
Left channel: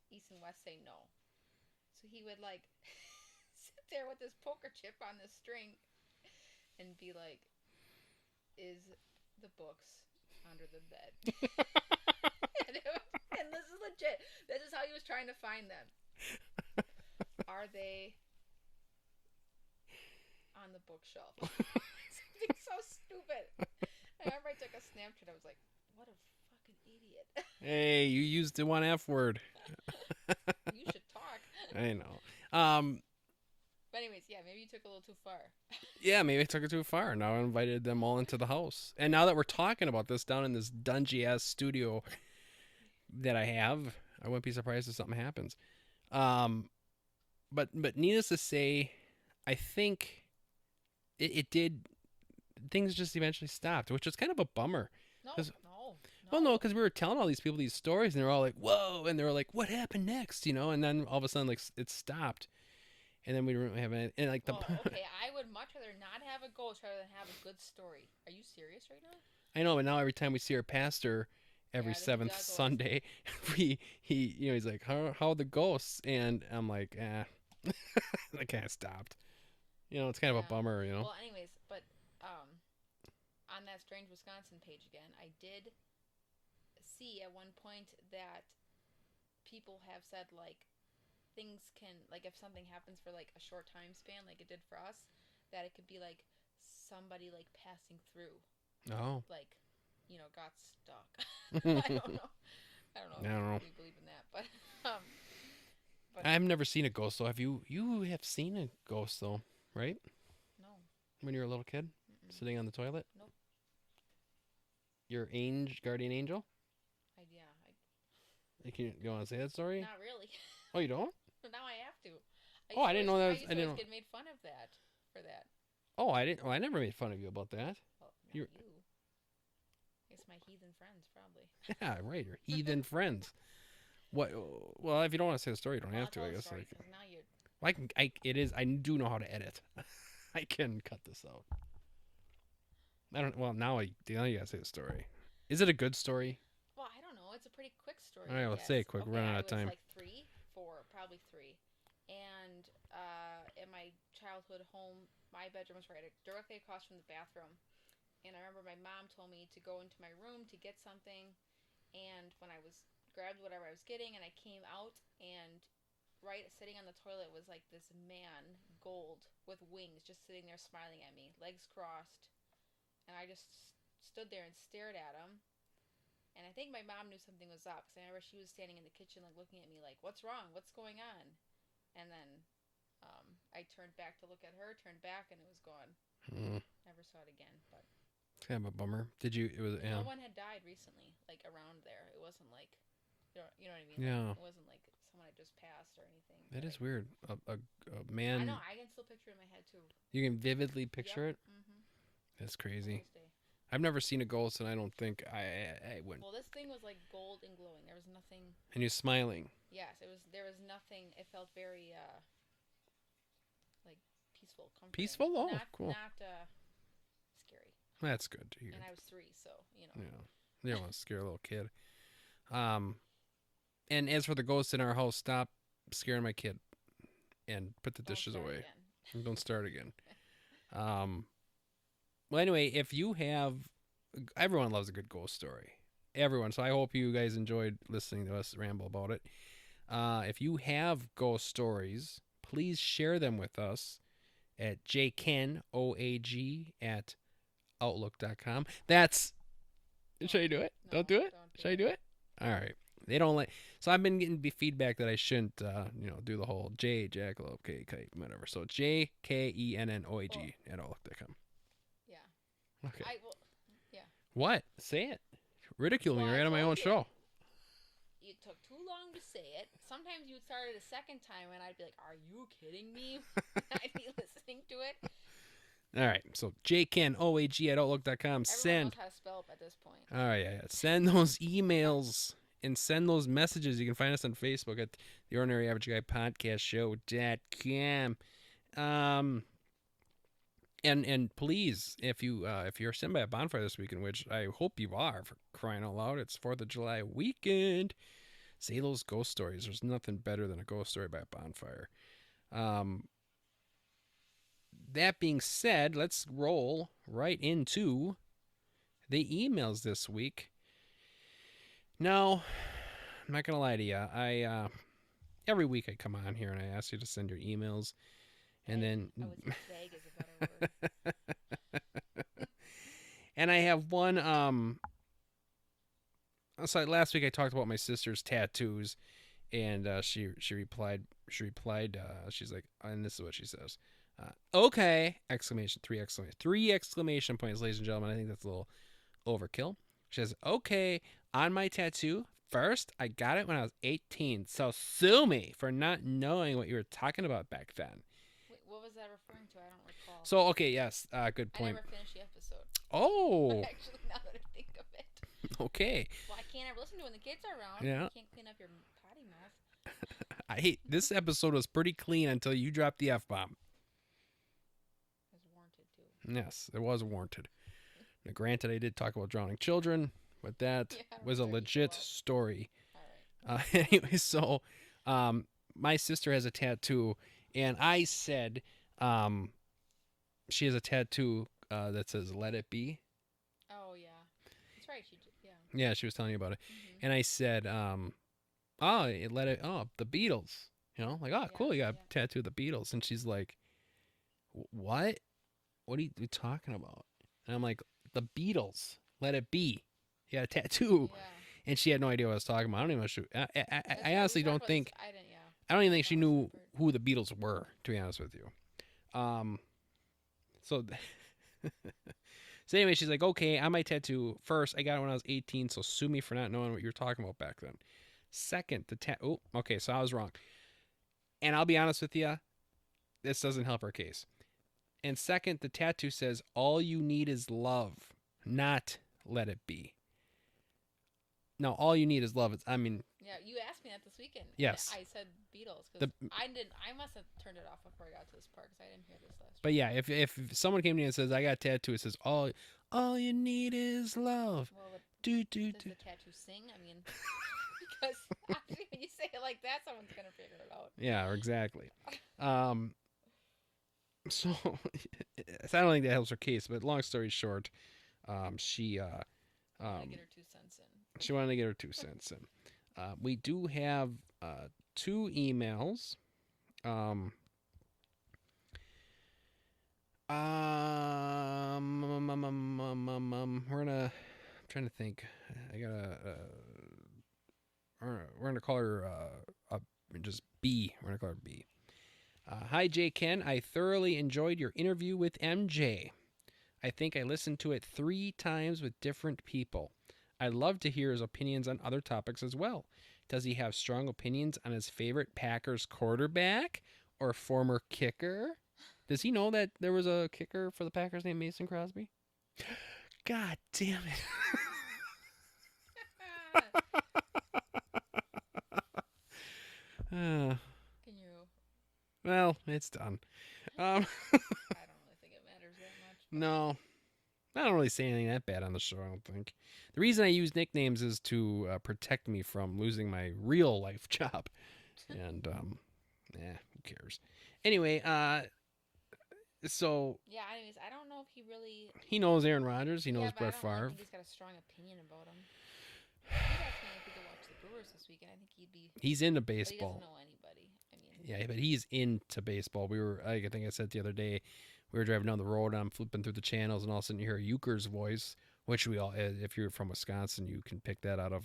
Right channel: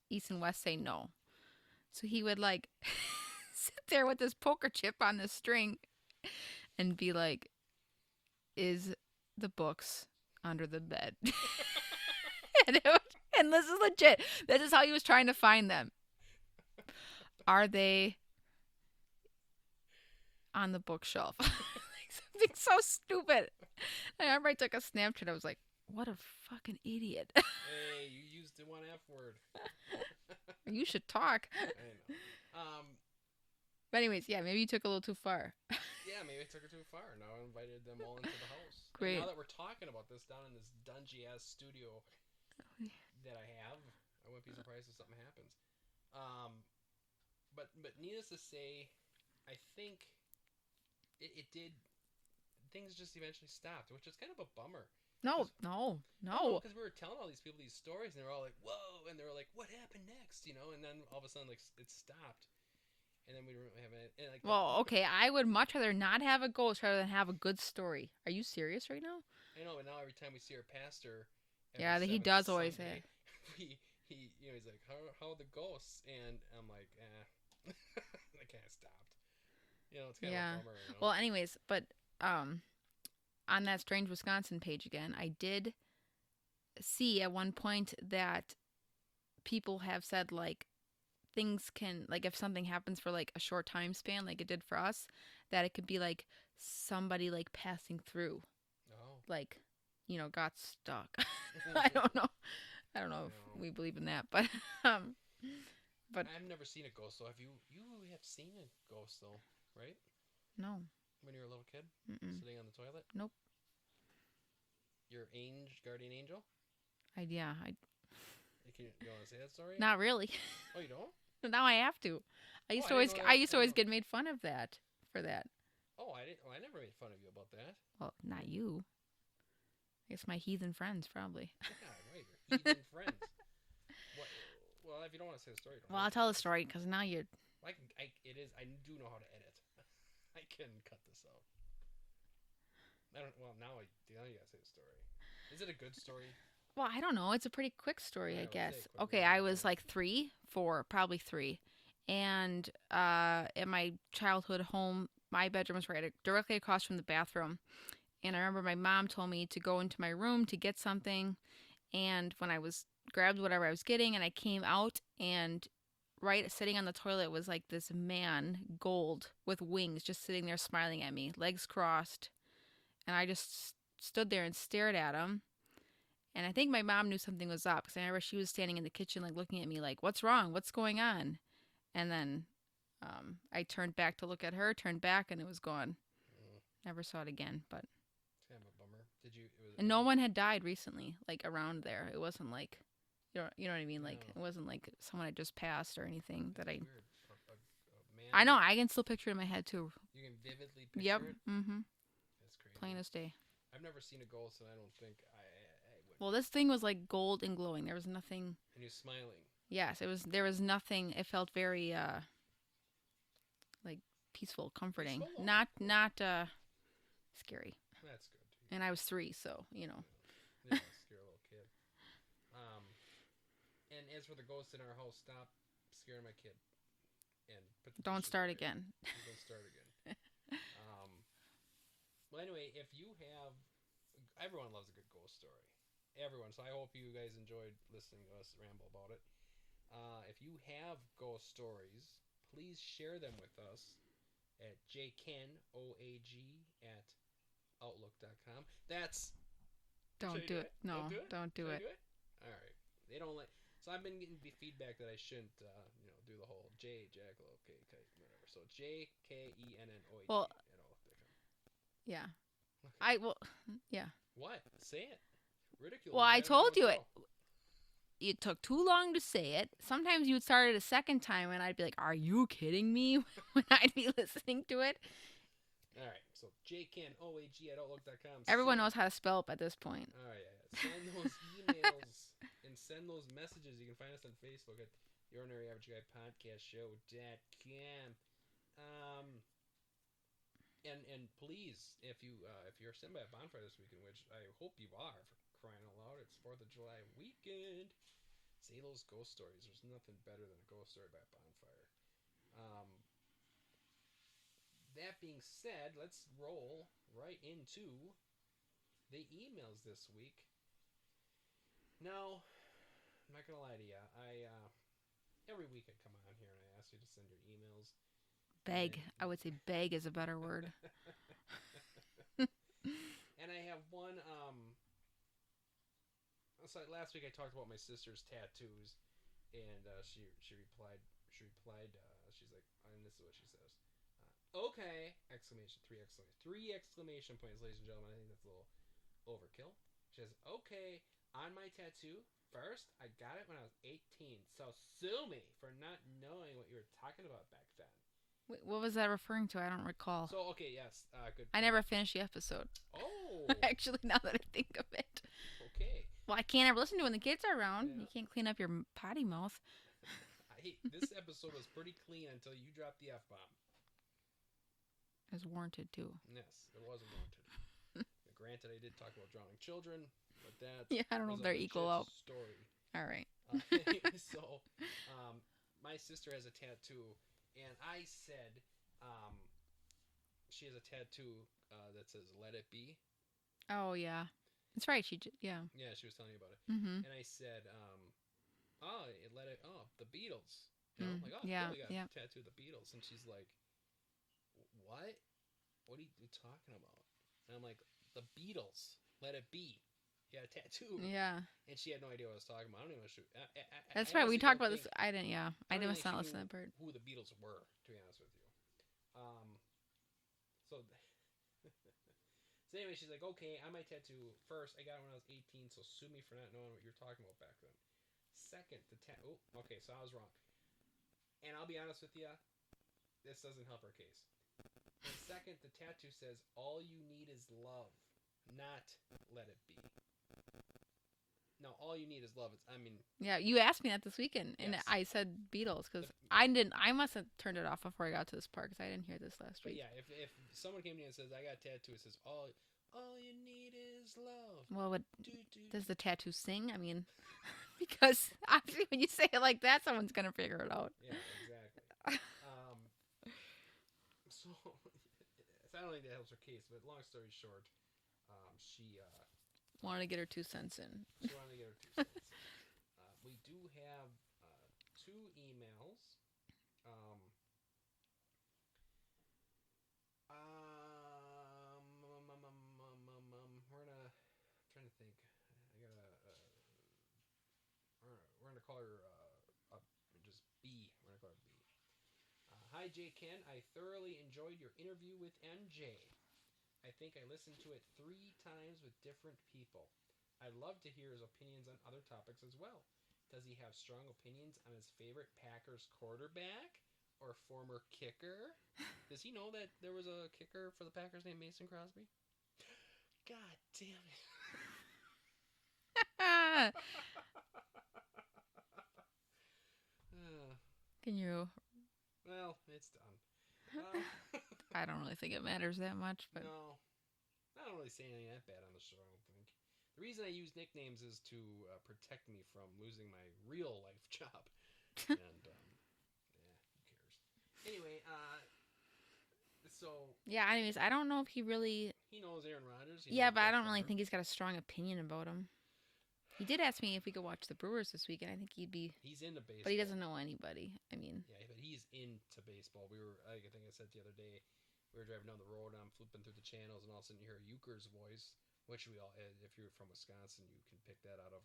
east and west say no. So he would sit there with this poker chip on the string and be like, is the books under the bed? And this is legit. This is how he was trying to find them. Are they on the bookshelf? Something so stupid. I remember I took a Snapchat. I was like, what a fucking idiot. Hey, you used the one F word. You should talk. I know. But anyways, yeah, maybe you took a little too far. Yeah, maybe I took it too far. Now I invited them all into the house. And Great. now that we're talking about this down in this dungy ass studio that I have, I wouldn't be surprised if something happens. Um, but needless to say, I think it did. Things just eventually stopped, which was kind of a bummer. No, 'Cause- no, no. Well, no, because we were telling all these people these stories, and they're all like, "Whoa!" and they were like, "What happened next?" You know, and then all of a sudden, like, it stopped, and then we didn't have any, and like, Well, okay, I would much rather not have a ghost rather than have a good story. Are you serious right now? I know, but now every time we see our pastor, every Yeah, he seventh does always Sunday, he's like, how are the ghosts? And I'm like, I kind of stopped. You know, it's kind of a Yeah. bummer. You know, Well, anyways, but on that Strange Wisconsin page again, I did see at one point that people have said like things can like if something happens for like a short time span like it did for us, that it could be like somebody like passing through, oh, like got stuck. I don't know. I don't know I don't know. if we believe in that, but um but I've never seen a ghost though. Have you? You have seen a ghost though, right? no. When you were a little kid, Mm-mm. sitting on the toilet. Nope. Your guardian angel. Yeah, You want to say that story? not really. Oh, you don't? Now I have to. I Oh, used I to didn't always know that I was- used I to always didn't get made fun of that for that. Oh, I didn't. Oh, I never made fun of you about that. Well, not you. It's my heathen friends, probably. Yeah, right. Your heathen friends. What? Well, if you don't want to say the story, you don't Well, I'll have to. tell I the guess. story because now you're. I can. It is. I do know how to edit. I can cut this out. I don't. Well, now you gotta say the story. Is it a good story? Well, I don't know. It's a pretty quick story, All right, I let's guess. say it quick. We're Okay, running out I of was time. like 3, 4, probably 3, and at my childhood home, my bedroom was directly across from the bathroom, and I remember my mom told me to go into my room to get something, and when I was grabbed whatever I was getting, and I came out, and right sitting on the toilet was like this man, gold with wings, just sitting there smiling at me, legs crossed, and I just stood there and stared at him. And I think my mom knew something was up because I remember she was standing in the kitchen, like looking at me, like, "What's wrong? What's going on?" And then I turned back to look at her, turned back, and it was gone. Mm, Never saw it again. But it's kind of a bummer. Did you? It was. and no one had died recently, like around there. It wasn't like, you know what I mean? Yeah. Like it wasn't like someone had just passed or anything. That that is weird. A man. I know. I can still picture it in my head too. You can vividly picture Yep. it. Mm-hmm. That's crazy. Plain as day. I've never seen a ghost, and I don't think I wouldn't. Well, this thing was like gold and glowing. There was nothing. And you're smiling. Yes, it was. There was nothing. It felt very like peaceful, comforting. Peaceful? Oh, not cool. not scary. That's good to hear. And I was 3, so you know. Yeah. You don't want to scare a little kid. And as for the ghosts in our house, stop scaring my kid, and put the Don't dishes start away. again. And don't start again. Well, anyway, if you have, everyone loves a good ghost story. Everyone. So I hope you guys enjoyed listening to us ramble about it. If you have ghost stories, please share them with us at jkenoag@outlook.com. That's. Should I do it? No, Don't do it? Don't do Should it. I do it? All right. They don't like. So I've been getting feedback that I shouldn't, do the whole jackalope, K, whatever. So jkenoag Well- at outlook.com. Yeah. Okay. Yeah. What? Say it. Ridicule Well, me I right on my own told you show. It took too long to say it. Sometimes you would start it a second time, and I'd be like, "Are you kidding me?" when I'd be listening to it. All right. So jkenoag at outlook.com. Everyone knows how to spell it at this point. All right. Yeah. Send those emails and send those messages. You can find us on Facebook at the Ordinary Average Guy Podcast Show.com. And please, if you're sitting by a bonfire this weekend, which I hope you are, for crying out loud, it's 4th of July weekend. Say those ghost stories. There's nothing better than a ghost story by a bonfire. That being said, let's roll right into the emails this week. Now, I'm not gonna lie to you. I every week I come on here and I ask you to send your emails. Beg. And then I would say beg is a better word. and I have one. So last week I talked about my sister's tattoos, And she replied, she's like, and this is what she says. Okay! Exclamation, three exclamation points, ladies and gentlemen. I think that's a little overkill. She says, okay, on my tattoo, first, I got it when I was 18, so sue me for not knowing what you were talking about back then. Wait, what was that referring to? I don't recall. So, okay, yes, good point. I never finished the episode. Oh! Actually, now that I think of it. Okay. Well, I can't ever listen to it when the kids are around. Yeah. You can't clean up your potty mouth. I hate this episode was pretty clean until you dropped the F-bomb. It was warranted, too. Yes, it was warranted. Now, granted, I did talk about drowning children, but that was a legit story. All right. Anyway, so my sister has a tattoo, and I said she has a tattoo that says "Let It Be." Oh, yeah. That's right. Yeah. Yeah, she was telling you about it. Mm-hmm. And I said, the Beatles. You know, like, oh, Yeah, cool, you got yeah. a tattoo of the Beatles. And she's like, what? What are you talking about? And I'm like, the Beatles, Let It Be. You got a tattoo. Yeah. And she had no idea what I was talking about. I don't even know. That's I right. honestly We talked don't about think. this. I didn't, yeah. I don't even think That's she not what's knew that part. who the Beatles were, to be honest with you. So, so anyway, she's like, okay, on my tattoo, first, I got it when I was 18, so sue me for not knowing what you were talking about back then. Second, okay, so I was wrong. And I'll be honest with you, this doesn't help her case. And second, the tattoo says, all you need is love, not let it be. No, all you need is love. Yeah, you asked me that this weekend. Yes. And I said Beatles because I must have turned it off before I got to this part because I didn't hear this last But yeah, if someone came to me and says, I got a tattoo, it says, all you need is love. Well, Does the tattoo sing? I mean, because obviously when you say it like that, someone's going to figure it out. Yeah, exactly. So I don't think that helps her case, but long story short, she wanted to get her 2 cents in. She wanted to get her 2 cents in. We do have 2 emails. I'm trying to think. We're gonna call her just B. We're gonna call her B. Hi, Jay Ken. I thoroughly enjoyed your interview with MJ. I think I listened to it 3 times with different people. I'd love to hear his opinions on other topics as well. Does he have strong opinions on his favorite Packers quarterback or former kicker? Does he know that there was a kicker for the Packers named Mason Crosby? God damn it. Can you? Well, it's done. I don't really think it matters that much. But... No. I don't really say anything that bad on the show, I don't think. The reason I use nicknames is to protect me from losing my real life job. And, who cares? Anyway, so... Yeah, anyways, I don't know if he really... He knows Aaron Rodgers. He knows Brett Favre. I don't really think he's got a strong opinion about him. He did ask me if he could watch the Brewers this weekend. I think he'd be... He's into baseball. But he doesn't know anybody. I mean... Yeah, but he's into baseball. I think I said the other day, we were driving down the road, and I'm flipping through the channels, and all of a sudden you hear Euchre's voice, which we all, if you're from Wisconsin, you can pick that out of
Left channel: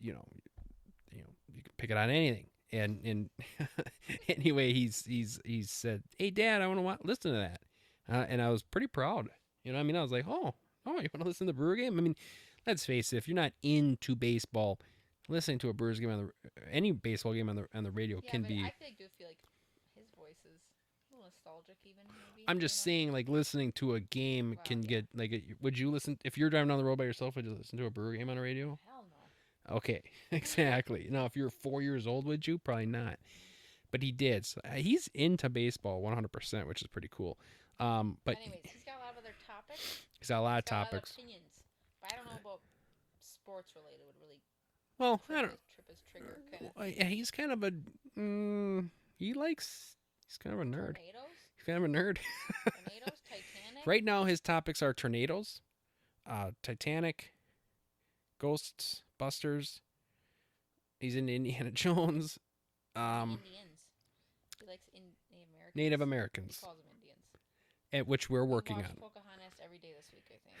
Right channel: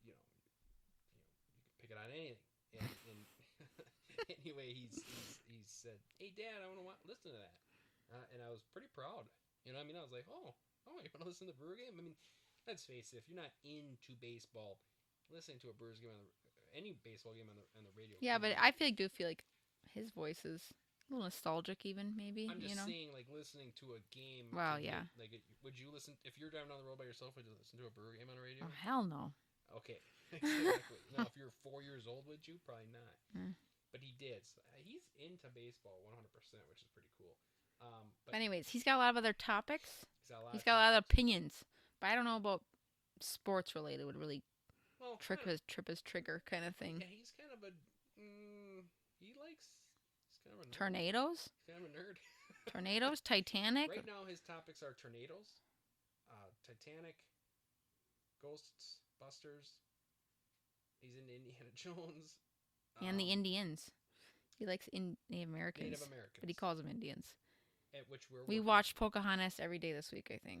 you can pick it on anything. And anyway, he's said, "Hey, Dad, I want to listen to that," and I was pretty proud. You know, what I mean, I was like, "Oh, you want to listen to the Brewer game?" I mean, let's face it, if you're not into baseball, listening to a Brewers game any baseball game on the radio, yeah, can but be, I do feel like his voice is a little nostalgic, even maybe. I'm just saying, like, listening to a game can get like. Would you listen if you're driving down the road by yourself? Would you listen to a Brewer game on the radio? Oh, hell no. Okay, exactly. Now, if you're 4 years old, would you? Probably not. But he did. So he's into baseball 100%, which is pretty cool. But anyways, he's got a lot of other topics. He's got a lot of a lot of topics. opinions. But I don't know about sports related. Would really trip his trigger kind of thing. Yeah, he's kind of a. He's kind of a nerd. Tornadoes. He's kind of a nerd. Tornadoes. Titanic. Right now, his topics are tornadoes, Titanic, ghosts, busters. He's into Indiana Jones. And the Indians. He likes Native Americans. Native Americans. But he calls them Indians. At which we're working on. We watched Pocahontas every day this week, I think.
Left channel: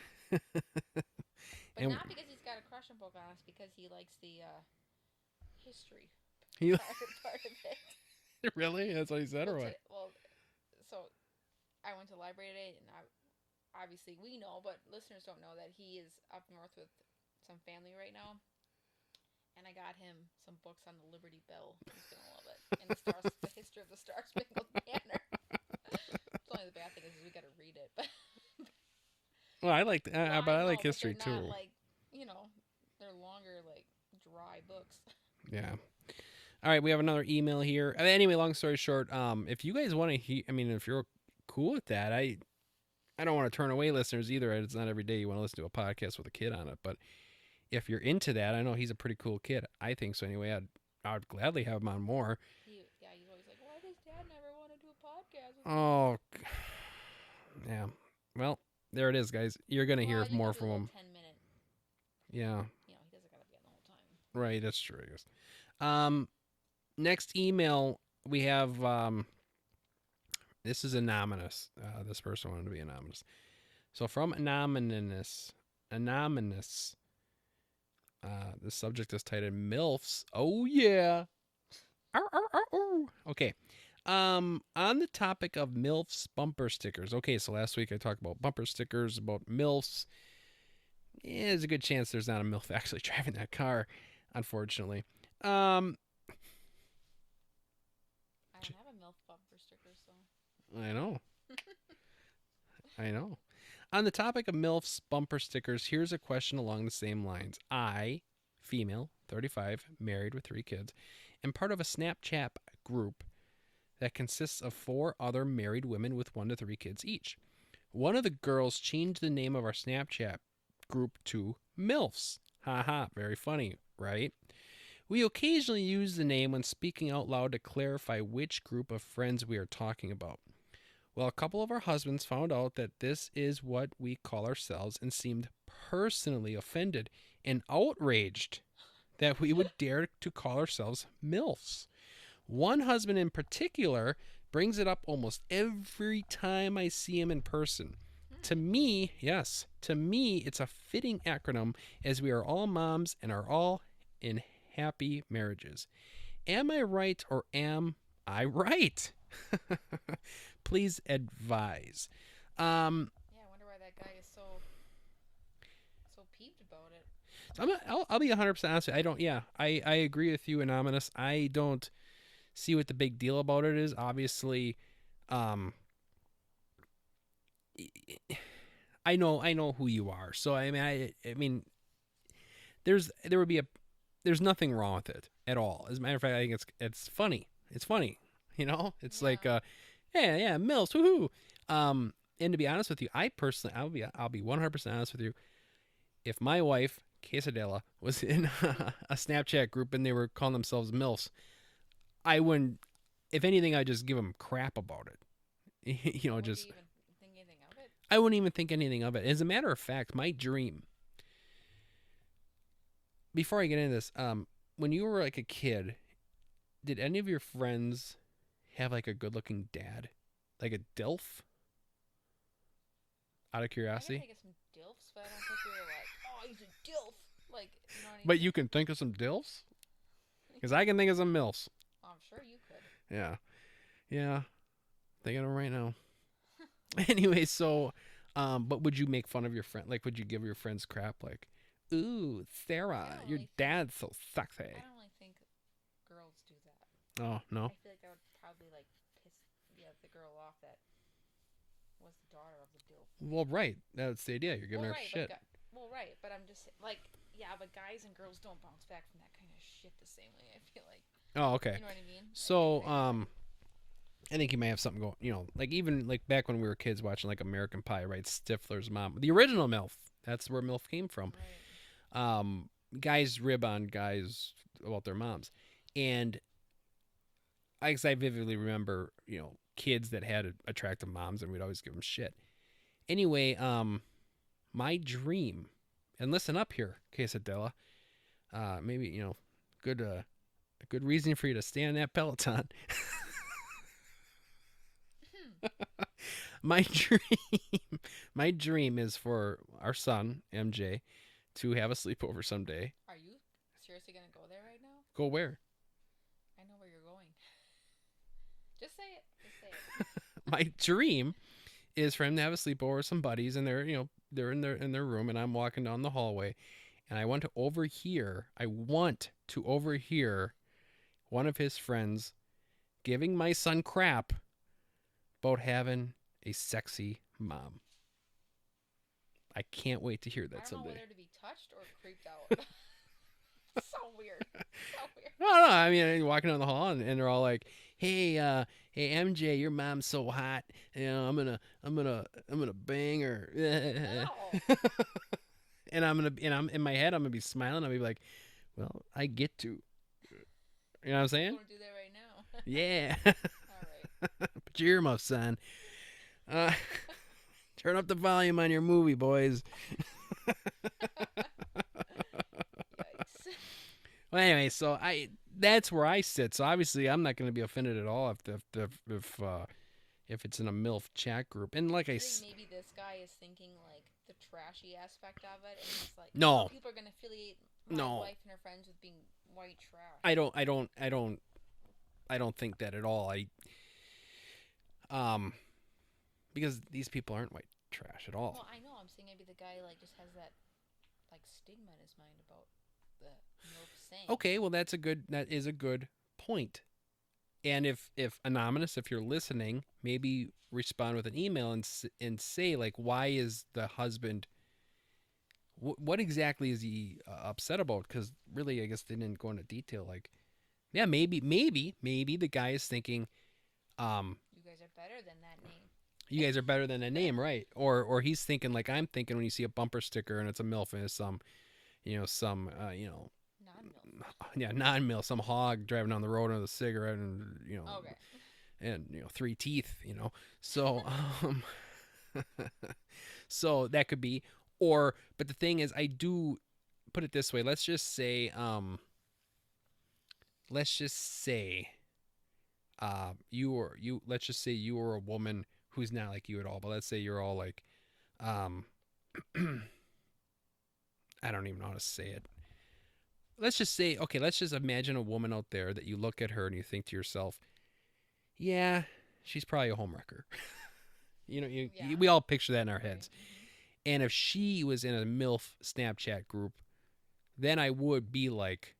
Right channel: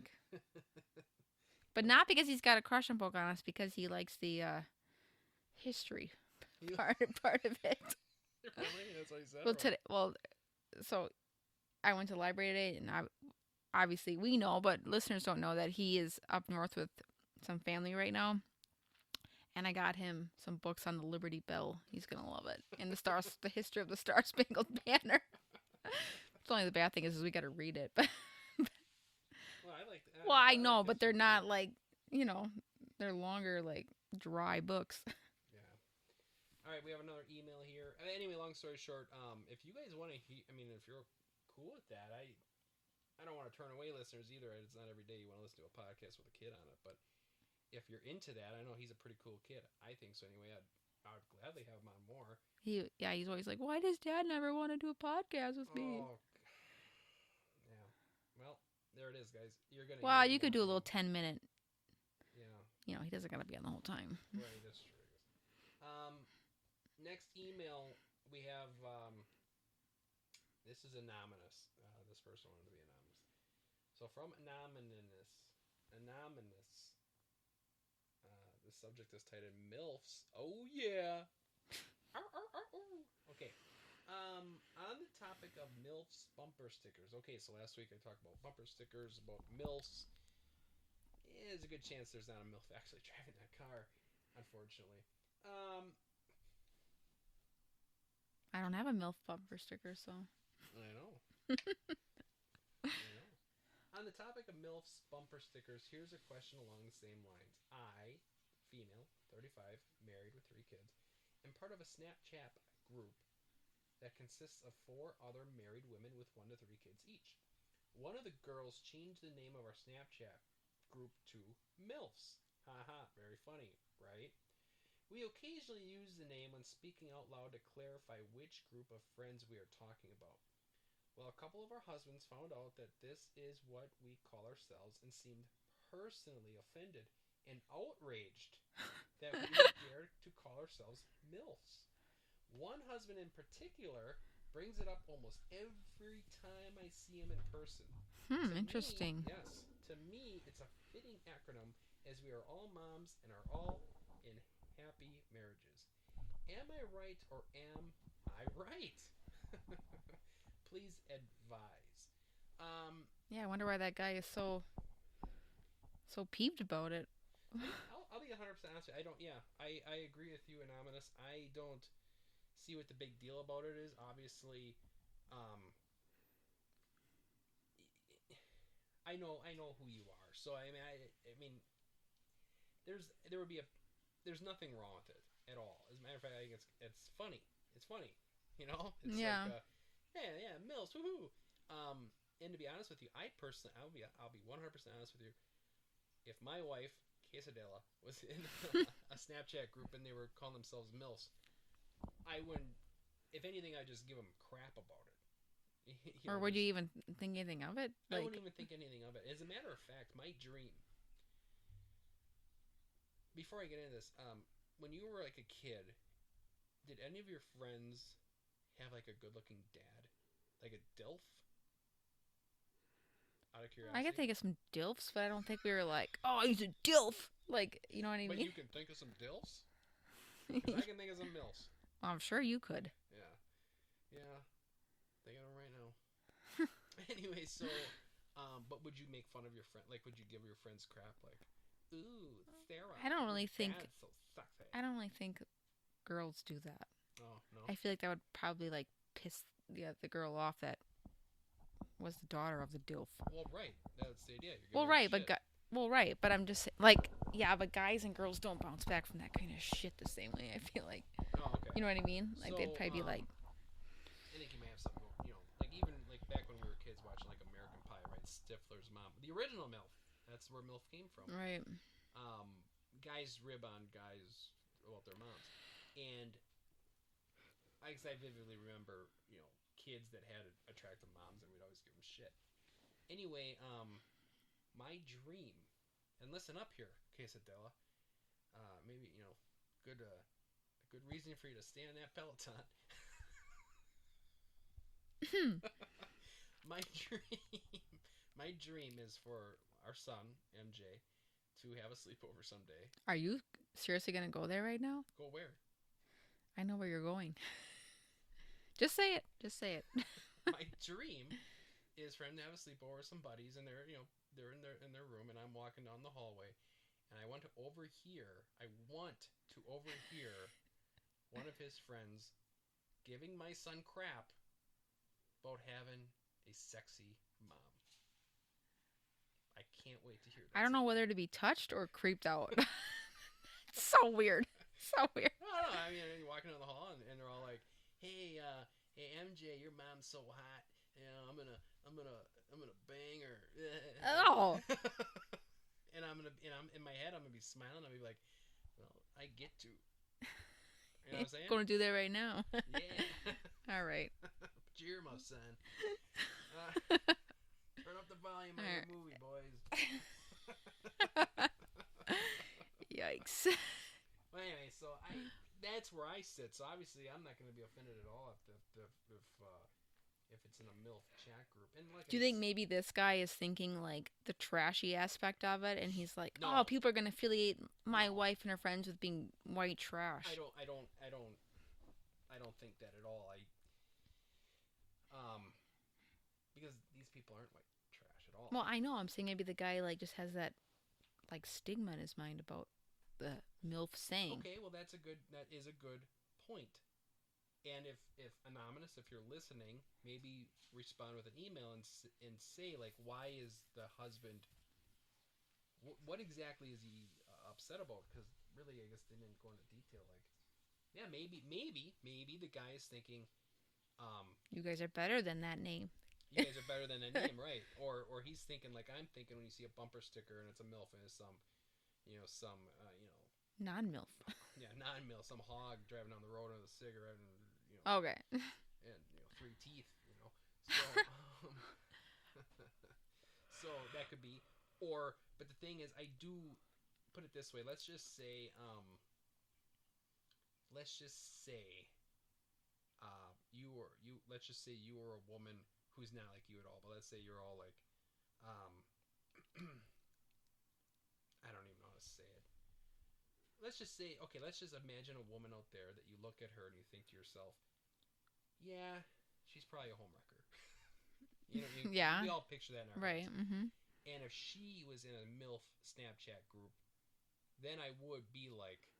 But not because he's got a crush on Pocahontas, because he likes the history You part of it. really? That's what he said. Well, or what? today, so I went to the library today, and obviously we know, but listeners don't know that he is up north with some family right now. And I got him some books on the Liberty Bell. He's gonna love it. And the history of the Star Spangled Banner. It's only the bad thing is we got to read it. But Well, I like. well, But I I know, like but they're history not too. like they're longer, like dry books. Yeah. All right, we have another email here. Anyway, long story short, if you guys want to, if you're cool with that, I don't want to turn away listeners either. It's not every day you want to listen to a podcast with a kid on it, but if you're into that, I know he's a pretty cool kid. I think so anyway. I'd gladly have him on more. He's always like, why does Dad never want to do a podcast with me? Oh, yeah. Well, there it is, guys. You're gonna Well, hear you more can do a from little him. 10-minute. Yeah, He doesn't gotta be on the whole time. right. That's true. I guess. Next email we have. This is anonymous. This person wanted to be anonymous. So from anonymous. The subject is titled MILFs. Oh yeah. Arr, arr, arr, arr. Okay. On the topic of MILFs bumper stickers. Okay, so last week I talked about bumper stickers, about MILFs. Yeah, there's a good chance there's not a MILF actually driving that car, unfortunately. I don't have a MILF bumper sticker, so. I know. I know. On the topic of MILFs bumper stickers, here's a question along the same lines. I, female, 35, married with 3 kids, am part of a Snapchat group that consists of 4 other married women with 1 to 3 kids each. One of the girls changed the name of our Snapchat group to MILFs. Haha, very funny, right? We occasionally use the name when speaking out loud to clarify which group of friends we are talking about. Well, a couple of our husbands found out that this is what we call ourselves and seemed personally offended and outraged that we would dare to call ourselves MILFs. One husband in particular brings it up almost every time I see him in person. To me, it's a fitting acronym as we are all moms and are all in happy marriages. Am I right or am I right? Please advise. Yeah, I wonder why that guy is so peeved about it. I'll be 100% honest with you. I don't. Yeah, I agree with you, Anonymous. I don't see what the big deal about it is. Obviously, I know who you are. So I mean, there's nothing wrong with it at all. As a matter of fact, I think it's funny. It's funny. It's Yeah. like yeah, Mills, woohoo. And to be honest with you, I personally, I'll be 100% honest with you. If my wife Cassadilla was in a Snapchat group and they were calling themselves MILFs, I wouldn't. If anything, I'd just give them crap about it. Or would you even think anything of it? I wouldn't even think anything of it. As a matter of fact, my dream. Before I get into this, when you were like a kid, did any of your friends have like a good-looking dad, like a DILF? Out of I curiosity. can think of some DILFs, but I don't think we were like, oh, he's a DILF. Like, you know what I mean? But you can think of some DILFs? Because I can think of some MILFs. I'm sure you could. Yeah. Thinking of them right now. Anyway, so, but would you make fun of your friend? Like, would you give your friends crap? Like, ooh, Sarah, I don't your really think- dad's so sexy. I don't really think girls do that. Oh, no? I feel like that would probably like piss the girl off that was the daughter of the DILF. Well, right. That's the idea. You're giving her shit. But I'm just like, yeah, but guys and girls don't bounce back from that kind of shit the same way. I feel like. Oh, okay. You know what I mean? So, they'd probably be like, I think you may have something going, like even like back when we were kids watching like American Pie, right? Stifler's mom, the original MILF. That's where MILF came from. right. Guys rib on guys about their moms, and I vividly remember, kids that had attractive moms, and we'd always give them shit. Anyway, my dream, and listen up here, Quesadilla, maybe good a good reason for you to stay on that Peloton. My dream is for our son MJ to have a sleepover someday. Are you seriously gonna go there right now? Go where? I know where you're going. Just say it. Just say it. My dream is for him to have a sleepover with some buddies, and they're in their room, and I'm walking down the hallway, and I want to overhear. One of his friends giving my son crap about having a sexy mom. I can't wait to hear that. I don't know someday. whether to be touched or creeped out. So weird. So weird. I don't know. I mean, you're walking down the hall, and they're all like, "Hey, hey, MJ, your mom's so hot. You know, I'm gonna bang her." Oh. And I'm in my head, I'm gonna be smiling. I'll be like, "Well, I get to." You know what I'm saying? Going to do that right now. Yeah. All right. Put your earmuffs on. Turn up the volume on your movie, boys. Yikes. Well, anyway, so that's where I sit. So obviously, I'm not going to be offended at all if it's in a MILF chat group. And like Do I you think s- maybe this guy is thinking like the trashy aspect of it, and he's like, No. "Oh, people are gonna affiliate my No. wife and her friends with being white trash." I don't think that at all. Because these people aren't white trash at all. Well, I know. I'm saying maybe the guy like just has that like stigma in his mind about the MILF saying. Okay, well that is a good point. And if anonymous, if you're listening, maybe respond with an email and say like, why is the husband? What exactly is he upset about? Because really, I guess they didn't go into detail. Like, yeah, maybe the guy is thinking, You guys are better than that name. you guys are better than a name, right? Or he's thinking like I'm thinking when you see a bumper sticker and it's a MILF and it's some Non-MILF. non-MILF, some hog driving down the road with a cigarette and Okay. and 3 teeth, So so that could be, but the thing is, I do put it this way. Let's just say let's just say you were a woman who's not like you at all, but let's say you're all like, I don't even know how to say it. Let's just say, okay, let's just imagine a woman out there that you look at her and you think to yourself, yeah, she's probably a homewrecker. Yeah. We all picture that in our Right. heads. Mm-hmm. And if she was in a MILF Snapchat group, then I would be like,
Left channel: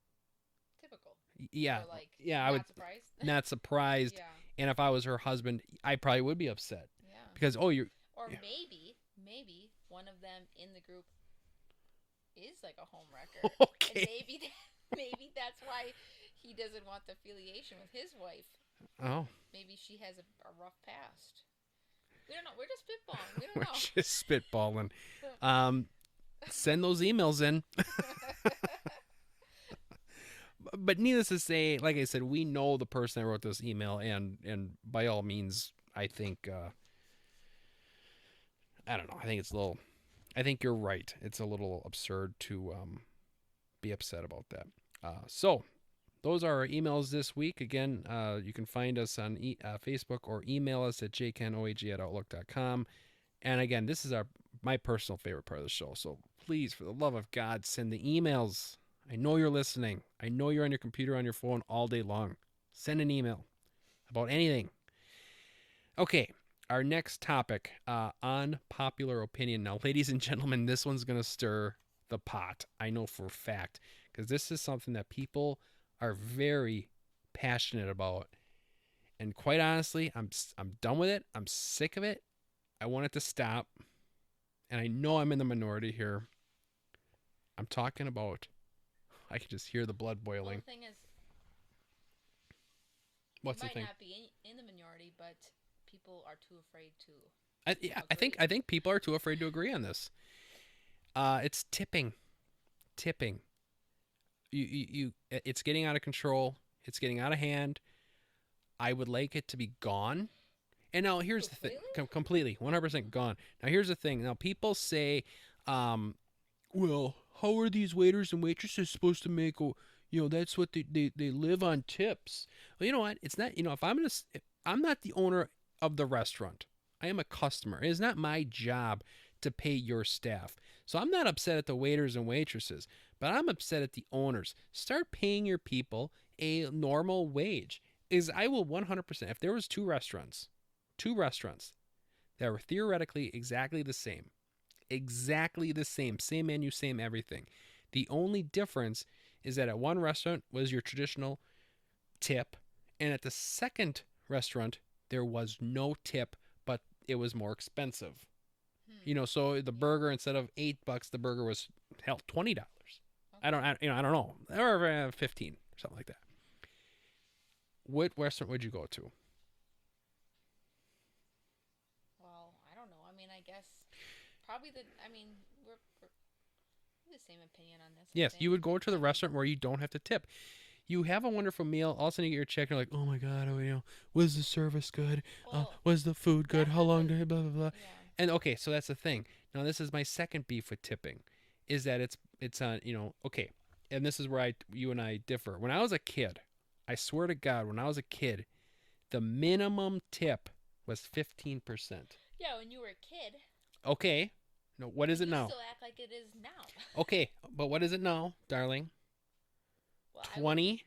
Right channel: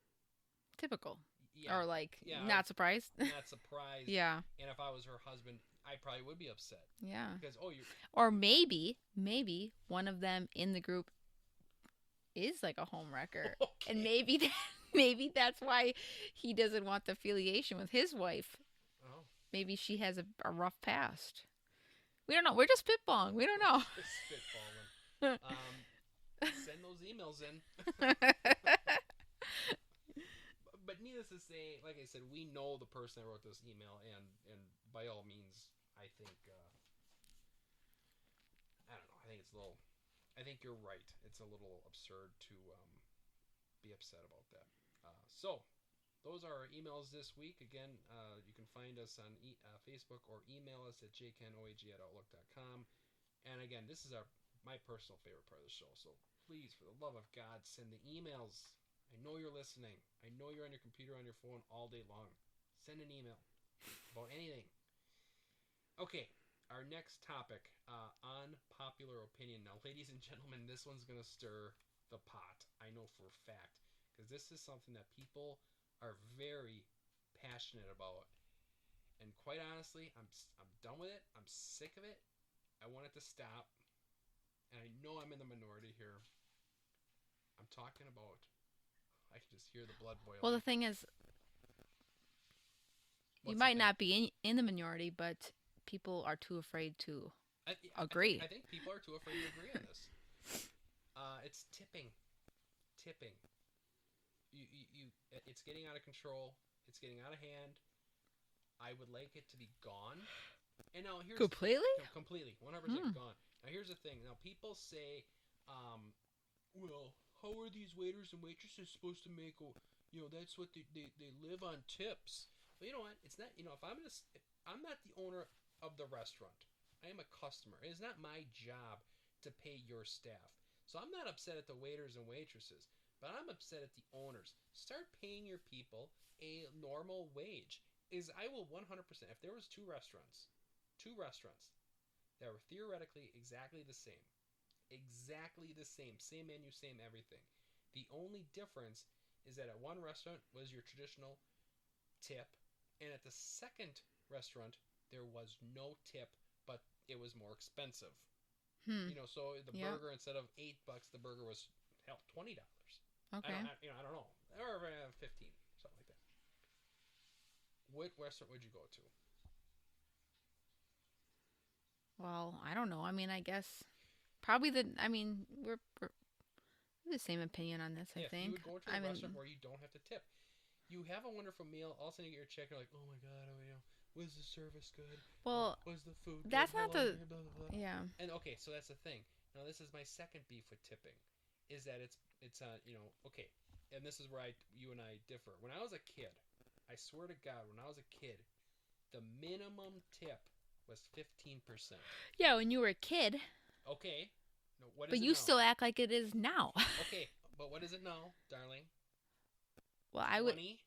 Typical. yeah, Or like, yeah, not surprised. not surprised. Yeah. And if I was her husband, I probably would be upset Yeah. because Or yeah. maybe one of them in the group is like a home wrecker. Okay. And maybe that's why he doesn't want the affiliation with his wife. Oh, Maybe she has a rough past. We don't know. We're just spitballing. We don't know. just spitballing. Send those emails in. But needless to say, like I said, we know the person that wrote this email, and by all means, I think I don't know. I think it's a little. I think you're right. It's a little absurd to be upset about that. So those are our emails this week. Again, you can find us on Facebook or email us at jkenoag@outlook.com. And again, this is my personal favorite part of the show. So please, for the love of God, send the emails. I know you're listening. I know you're on your computer, on your phone all day long. Send an email about anything. Okay, our next topic, unpopular opinion. Now, ladies and gentlemen, this one's going to stir the pot. I know for a fact, because this is something that people are very passionate about. And quite honestly, I'm done with it. I'm sick of it. I want it to stop. And I know I'm in the minority here. I'm talking about, I can just hear the blood boiling. Well, the thing is, What's you the might thing? not be in the minority, but people are too afraid to. I think people are too afraid to agree on this. It's tipping. It's getting out of control. It's getting out of hand. I would like it to be gone. And now here's Completely? the thing. Completely, 100% gone. Now here's the thing. Now people say, well, how are these waiters and waitresses supposed to make? That's what they live on tips. Well, you know what? It's not. If I'm not the owner of the restaurant. I am a customer. It is not my job to pay your staff. So I'm not upset at the waiters and waitresses, but I'm upset at the owners. Start paying your people a normal wage. I will 100%, if there was two restaurants that were theoretically exactly the same menu, same everything. The only difference is that at one restaurant was your traditional tip, and at the second restaurant there was no tip, but it was more expensive. So the burger, instead of $8, the burger was hell $20. Okay. I don't know, or 15 or something like that. What restaurant would you go to? Well, I don't know. I mean, I guess probably we're the same opinion on this. Yes, I you would think. go to the restaurant where you don't have to tip. You have a wonderful meal. All of a sudden you get your check and you're like, oh my God, was the service good? Well, was the food good? that's How not long the- did blah, blah, blah. Yeah. And okay, so that's the thing. Now this is my second beef with tipping, is that it's on, okay. And this is where you and I differ. When I was a kid, I swear to God, when I was a kid, the minimum tip was 15%. Yeah, when you were a kid. Okay. No, what is but it now? you still act like it is now. Okay, but what is it now, darling? Well, 20?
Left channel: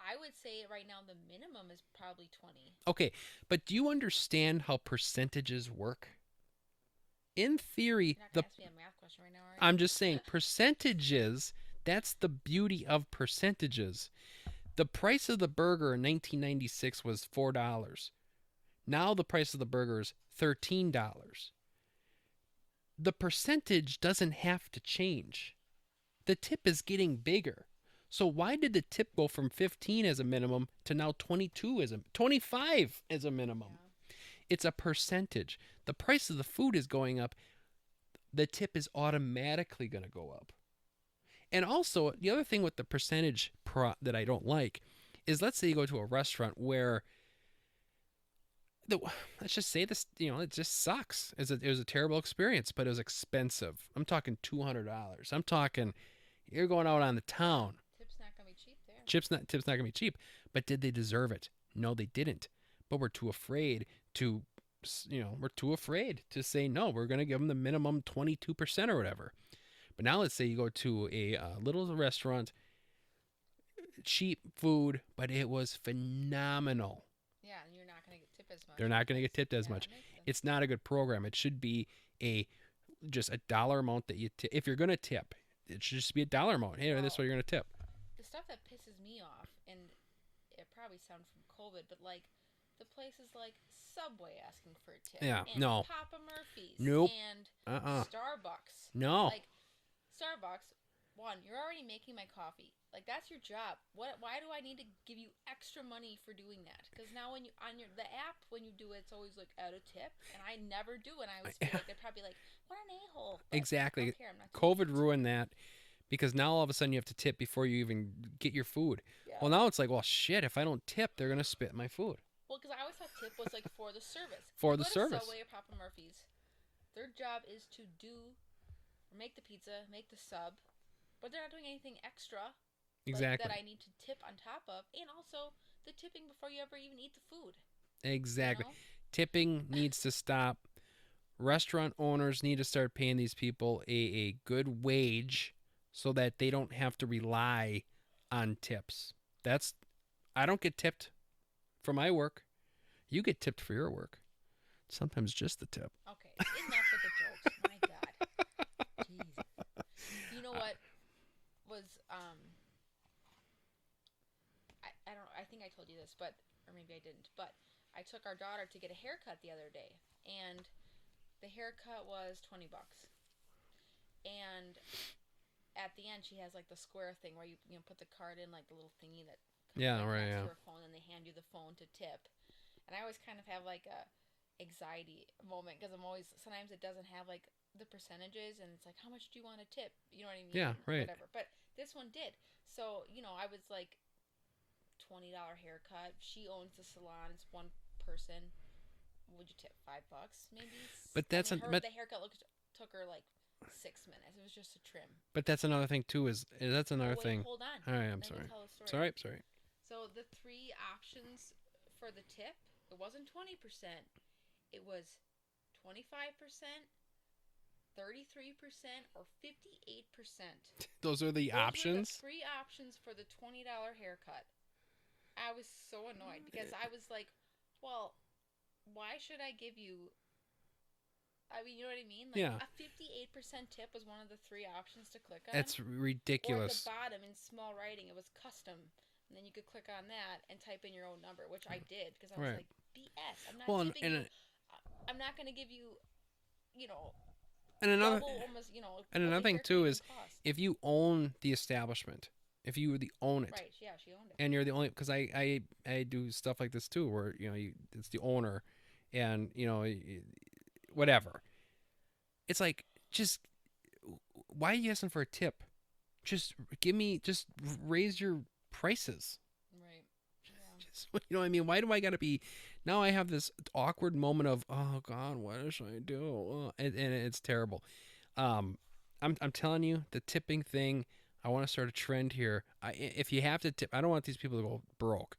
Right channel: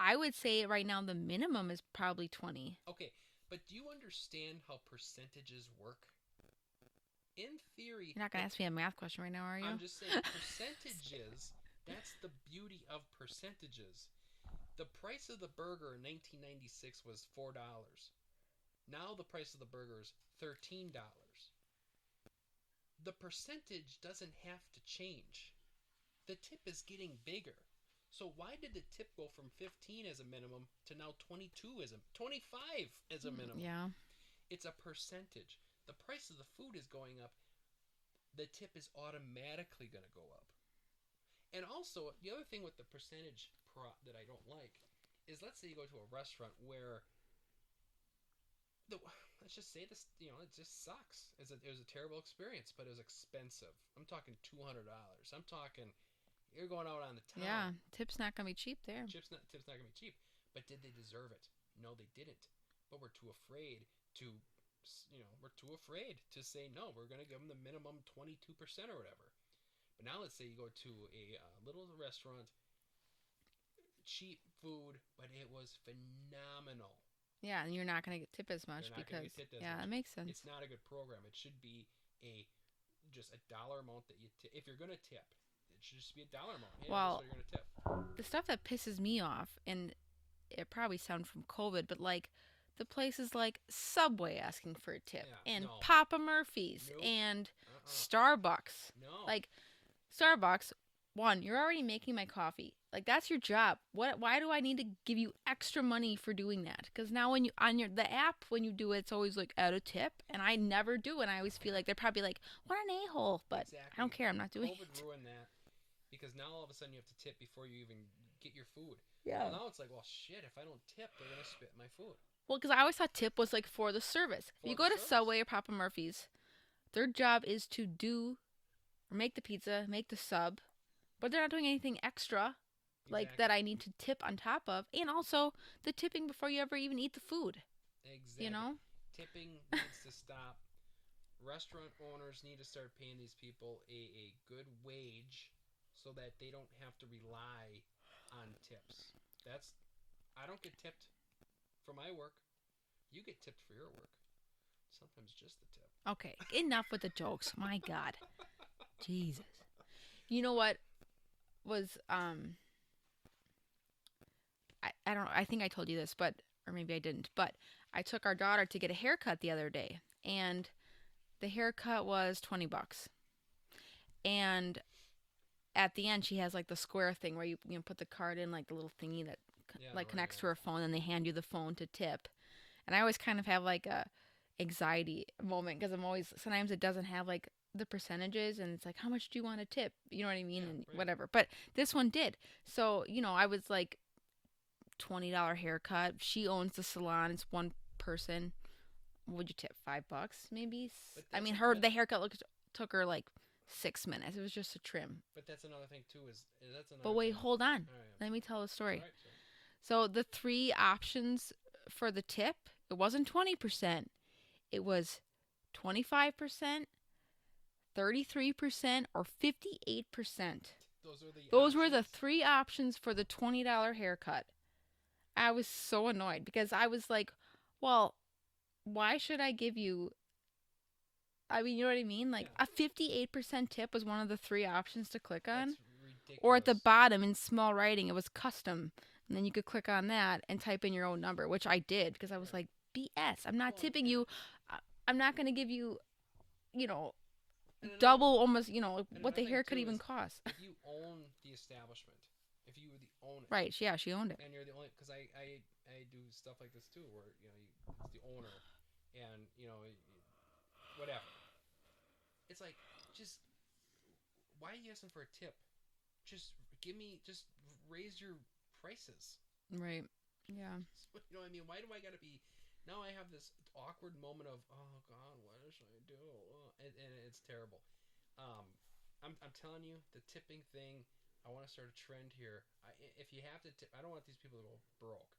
I would say right now the minimum is probably 20. Okay, but do you understand how percentages work? In theory, You're not going to ask me a math question right now, are you? I'm just saying percentages, that's the beauty of percentages. The price of the burger in 1996 was $4. Now the price of the burger is $13. The percentage doesn't have to change. The tip is getting bigger. So why did the tip go from 15 as a minimum to now 25 as a minimum? Yeah. It's a percentage. The price of the food is going up. The tip is automatically going to go up. And also, the other thing with the percentage that I don't like is, let's say you go to a restaurant where let's just say this, it just sucks. It was a terrible experience, but it was expensive. I'm talking $200. I'm talking, you're going out on the town. Yeah, tip's not going to be cheap there. Tip's not going to be cheap. But did they deserve it? No, they didn't. But we're too afraid to say no. We're going to give them the minimum 22% or whatever. But now let's say you go to a little restaurant, cheap food, but it was phenomenal. Yeah, and you're not going to get tipped as much. They're not going to get tipped as much. That makes sense. It's not a good program. It should be just a dollar amount that you tip. If you're going to tip, it should just be a dollar amount. Hey, that's what you're going to tip. The stuff that pisses me off, and it probably sounds from COVID, but like the places like Subway asking for a tip. Yeah, and no. Papa Murphy's. Nope. And Starbucks. No. Like Starbucks, one, you're already making my coffee. Like, that's your job. Why do I need to give you extra money for doing that? Because now when you on the app, when you do it, it's always like add a tip, and I never do, and I always feel like they're probably like, what an a-hole. But exactly. I don't care. I'm not doing COVID ruined that, because now all of a sudden you have to tip before you even get your food. Yeah. Well, now it's like, well, shit, if I don't tip, they're gonna spit my food. Well, because I always thought tip was like for the service. For you the go to service. Subway or Papa Murphy's, their job is to do or make the pizza, make the sub, but they're not doing anything extra. Exactly. Like that I need to tip on top of, and also the tipping before you ever even eat the food. Exactly. You know? Tipping needs to stop. Restaurant owners need to start paying these people a good wage so that they don't have to rely on tips. I don't get tipped for my work. You get tipped for your work. Sometimes just the tip. Okay, enough with the jokes. My God. Jesus. You know what was I don't know, I think I told you this, but or maybe I didn't, but I took our daughter to get a haircut the other day, and the haircut was $20. And at the end she has like the square thing where you put the card in, like the little thingy that connects to her phone, and they hand you the phone to tip. And I always kind of have like a anxiety moment, because I'm always, sometimes it doesn't have like the percentages, and it's like, how much do you want to tip? You know what I mean? Yeah, right. Whatever. But this one did. So, I was like, $20 haircut. She owns the salon. It's one person. Would you tip $5 maybe? But that's the haircut took her like 6 minutes. It was just a trim. But that's another thing too. That's another wait, thing. Hold on. All right, Let me tell the story. Sorry. So the 3 options for the tip, it wasn't 20%. It was 25%, 33% or 58%. Those are the Those options. were the 3 options for the $20 haircut. I was so annoyed because I was like, well, why should I give you... I mean, you know what I mean? Like, Yeah. a 58% tip was one of the 3 options to click on. That's ridiculous. Or at the bottom in small writing, it was custom. And then you could click on that and type in your own number, which I did because I was like, BS. I'm not tipping you. I'm not going to give you, you know, double almost, you know, and what another the thing haircut too even is cost. if you own the establishment, if you own it. Right, yeah, she owned it. And you're the only, because I do stuff like this too where, you know, it's the owner and, you know, whatever. It's like, just, why are you asking for a tip? Just raise your prices. Right. Yeah. You know what I mean? Why do I got to be, now I have this awkward moment of, oh God, what should I do? And it's terrible. I'm telling you, the tipping thing, I want to start a trend here. If you have to tip, I don't want these people to go broke.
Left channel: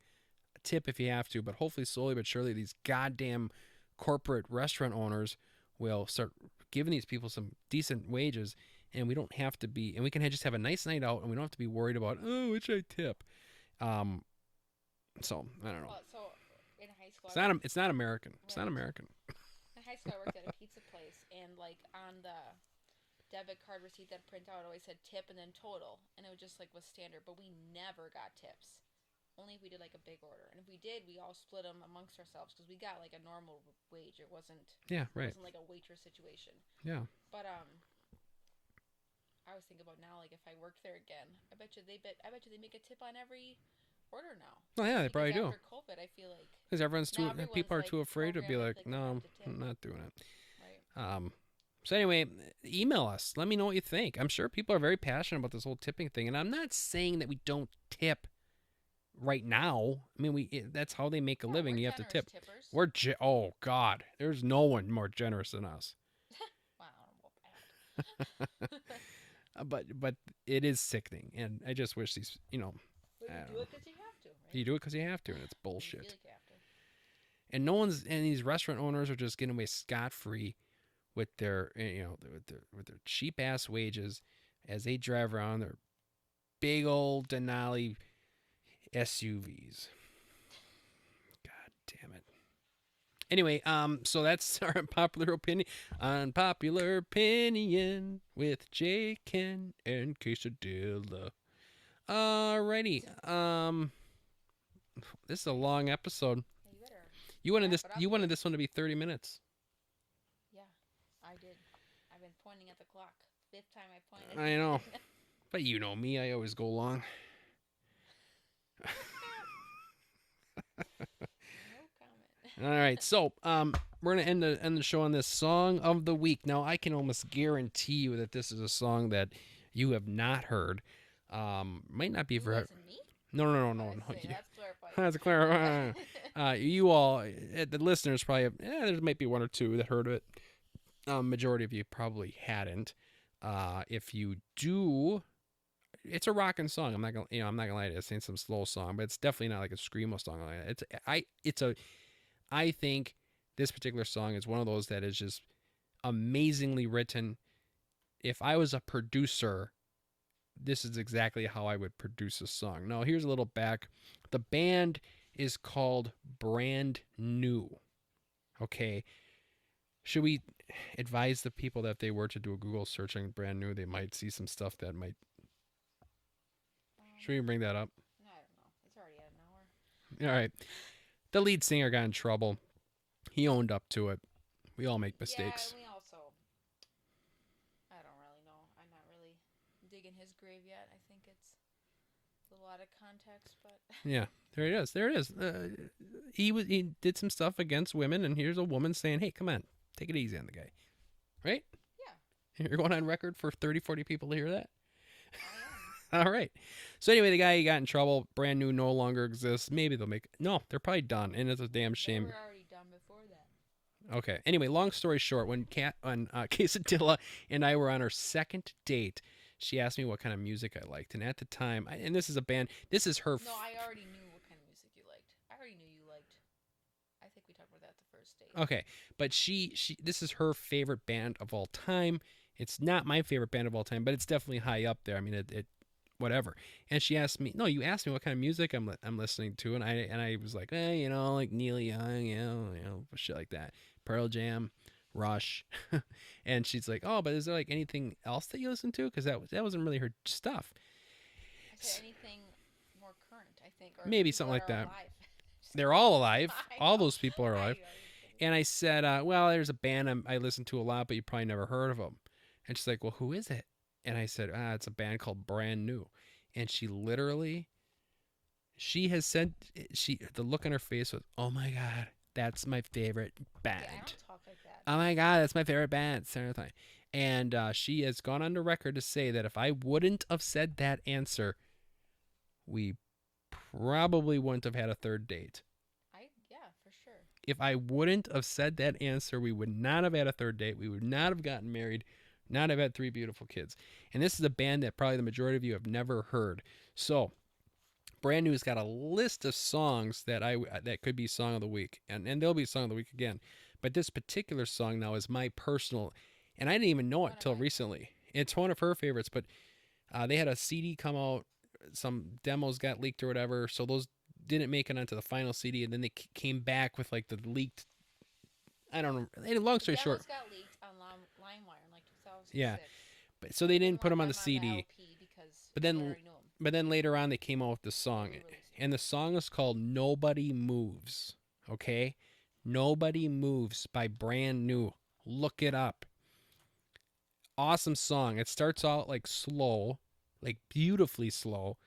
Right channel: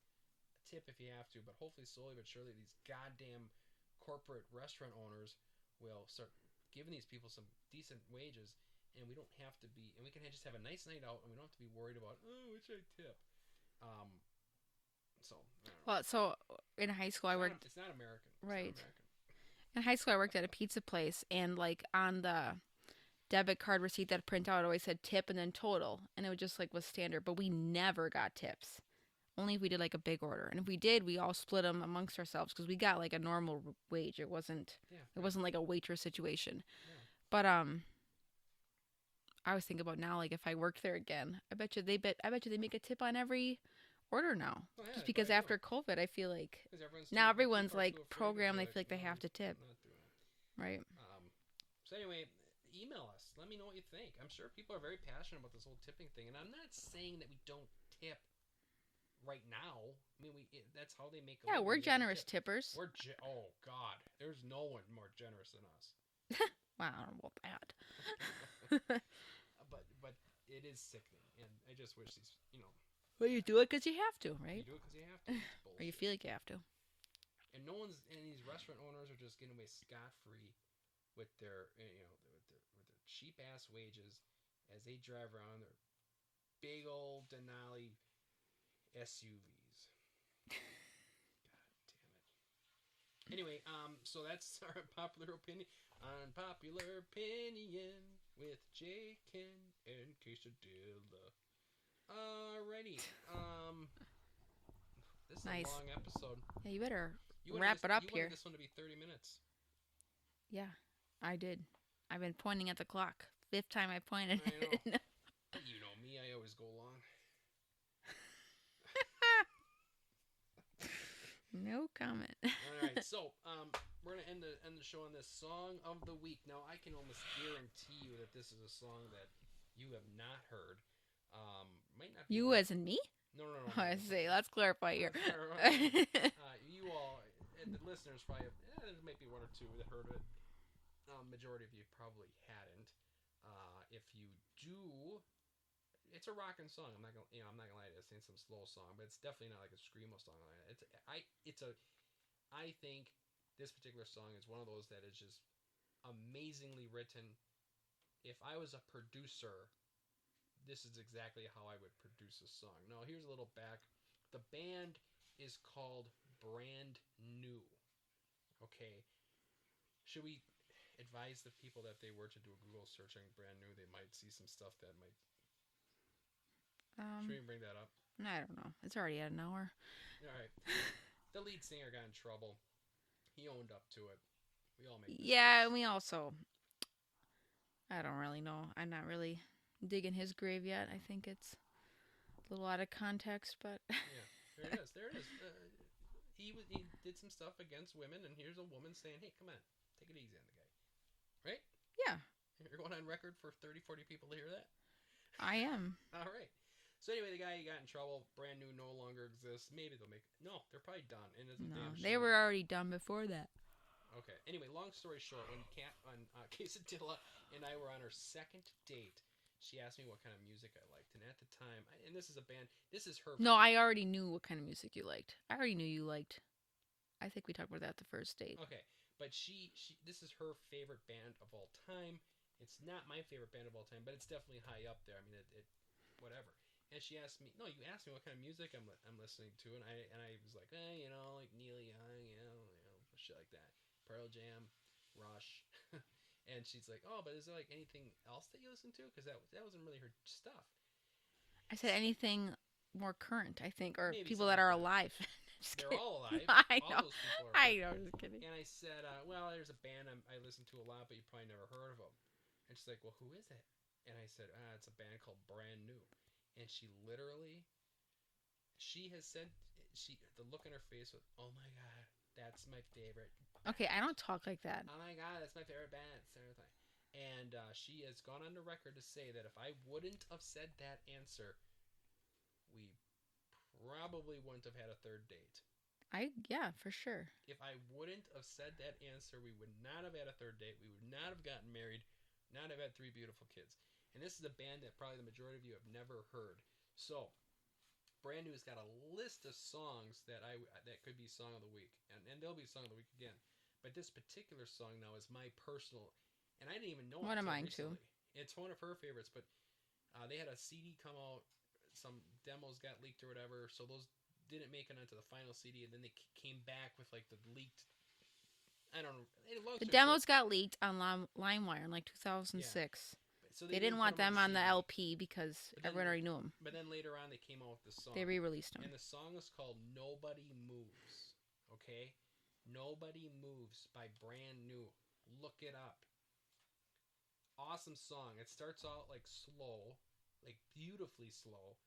Tip if you have to, but hopefully slowly but surely these goddamn corporate restaurant owners will start giving these people some decent wages, and we don't have to be, and we can just have a nice night out, and we don't have to be worried about, oh, which I tip. So I don't know. Well, so in high school, It's not American. It's not Right. American. In high school, I worked at a pizza place, and like on the debit card receipt that print out, it always said tip and then total, and it was just like was standard. But we never got tips. Only if we did like a big order, and if we did, we all split them amongst ourselves because we got like a normal wage. It wasn't. Yeah, right. It wasn't like a waitress situation. Yeah. But I was thinking about now, like if I worked there again, I bet you they make a tip on every order now. Oh yeah, they Because probably after do. COVID, I feel like Because everyone's now everyone's people are like too afraid to be programmed, like, like no, they have to tip. I'm not doing it. Right. So anyway, email us. Let me know what you think. I'm sure people are very passionate about this whole tipping thing, and I'm not saying that we don't tip right now. I mean, that's how they make a living. We're you generous have to tip. tippers. Oh God, there's no one more generous than us. Wow, I don't know about that. But it is sickening, and I just wish these, you know. Well, you do it because you have to, right? You do it because you have to. It's Or bullshit. you feel like you have to. And and these restaurant owners are just getting away scot free with their, you know, with their cheap ass wages as they drive around their big old Denali SUVs. God damn it. Anyway, so that's our unpopular opinion. Unpopular opinion with Jay, Ken, and Cassadilla. Alrighty. This is a Nice. long episode. Yeah, you better. You wanted wrap this. it up You wanted here. this one to be 30 minutes. Yeah, I did. I've been pointing at the clock. 5th time I pointed. I know. But you know me. I always go long. No comment. All right. So, we're gonna end the show on this song of the week. Now, I can almost guarantee you that this is a song that you have not heard. Might not be You very. as in me? No. I see. Let's clarify. Let's clarify. You all, the listeners, probably have. There might be one or two that heard it. Majority of you probably hadn't. If you do, it's a rocking song. I'm not gonna lie to you. It's ain't some slow song, but it's definitely not like a screamo song. I think this particular song is one of those that is just amazingly written. If I was a producer, this is exactly how I would produce a song. Now, here's a little back. The band is called Brand New. Okay. Should we advise the people that if they were to do a Google search on Brand New, they might see some stuff that might... Should we bring that up? I don't know. It's already at an hour. All right. The lead singer got in trouble. He owned up to it. We all make mistakes. Yeah, and we also... I don't really know. I'm not really digging his grave yet. I think it's a little out of context, but... Yeah, there it is. There it is. He did some stuff against women, and here's a woman saying, hey, come on, take it easy on the guy. Right? Yeah. You're going on record for 30, 40 people to hear that? I am. All right. So anyway, the guy he got in trouble. Brand New no longer exists. Maybe they'll make... No, they're probably done, and it's a damn shame. They were already done before that. Okay. Anyway, long story short, when Cassadilla and I were on our second date, she asked me what kind of music I liked, and at the time, and this is a band. This is her. No, I already knew what kind of music you liked. I already knew you liked. I think we talked about that the first date. Okay, but she this is her favorite band of all time, It's not my favorite band of all time, but it's definitely high up there. I mean, it whatever. And she asked me, no, you asked me what kind of music I'm listening to, and I was like, like Neil Young, shit like that, Pearl Jam, Rush, and she's like, oh, but is there like anything else that you listen to? Because that wasn't really her stuff. I said anything more current, I think, or Maybe people something that like are that. alive. They're all alive. I All know. those people are I alive. know, you're kidding. And I said, well, there's a band I listen to a lot, but you probably never heard of them. And she's like, well, who is it? And I said, it's a band called Brand New. And she has said, the look on her face was, oh my God, that's my favorite band. Okay, I don't talk like that. Oh my God, that's my favorite band. And she has gone on the record to say that if I wouldn't have said that answer, we probably wouldn't have had a third date. Yeah, for sure. If I wouldn't have said that answer, we would not have had a third date. We would not have gotten married, not have had 3 beautiful kids. And this is a band that probably the majority of you have never heard. So, Brand New's got a list of songs that could be Song of the Week. And there'll be Song of the Week again. But this particular song now is my personal, and I didn't even know it until recently. It's one of her favorites, but they had a CD come out. Some demos got leaked or whatever, so those didn't make it onto the final CD, and then they came back with like the leaked. I don't know. Long story short, the demos got leaked on LimeWire in like 2006. Yeah, but so they didn't put them on the CD. On the LP because everyone already knew them. But then later on, they came out with the song. They re-released them. And the song is called "Nobody Moves." Okay, "Nobody Moves" by Brand New. Look it up. Awesome song. It starts out like slow, like beautifully slow.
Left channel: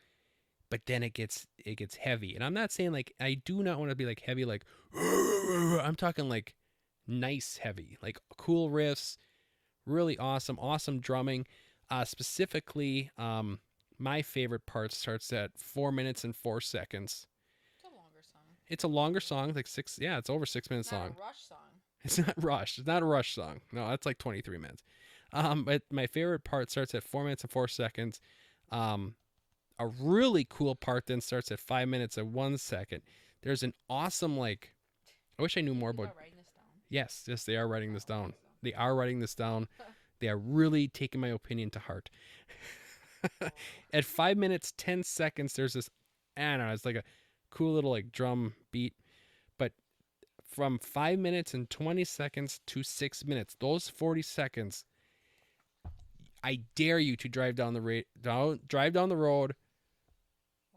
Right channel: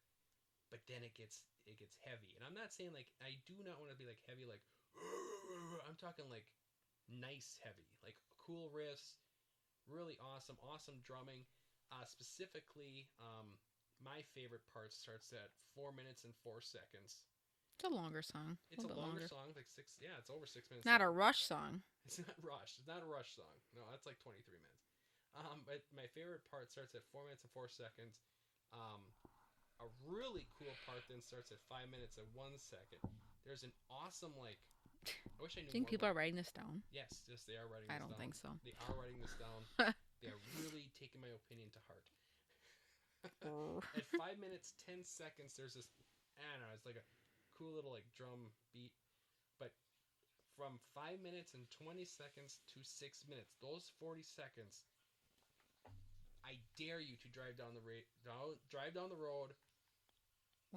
But then it gets heavy. And I'm not saying like, I do not want to be like heavy, like, I'm talking like nice heavy, like cool riffs, really awesome drumming. Specifically, my favorite part starts at 4 minutes and 4 seconds. It's a longer song. It's a longer song, like it's over 6 minutes long. Not a Rush song. It's not Rush. It's not a Rush song. No, that's like 23 minutes. But my favorite part starts at 4 minutes and 4 seconds. A really cool part then starts at 5 minutes and 1 second. There's an awesome, like, I wish I knew more about. People are writing this down. Yes, they are writing this down. Think so. They are writing this down. They are really taking my opinion to heart. At 5 minutes 10 seconds, there's this, I don't know, it's like a cool little like drum beat. But from 5 minutes and 20 seconds to 6 minutes, those 40 seconds, I dare you to drive down the road.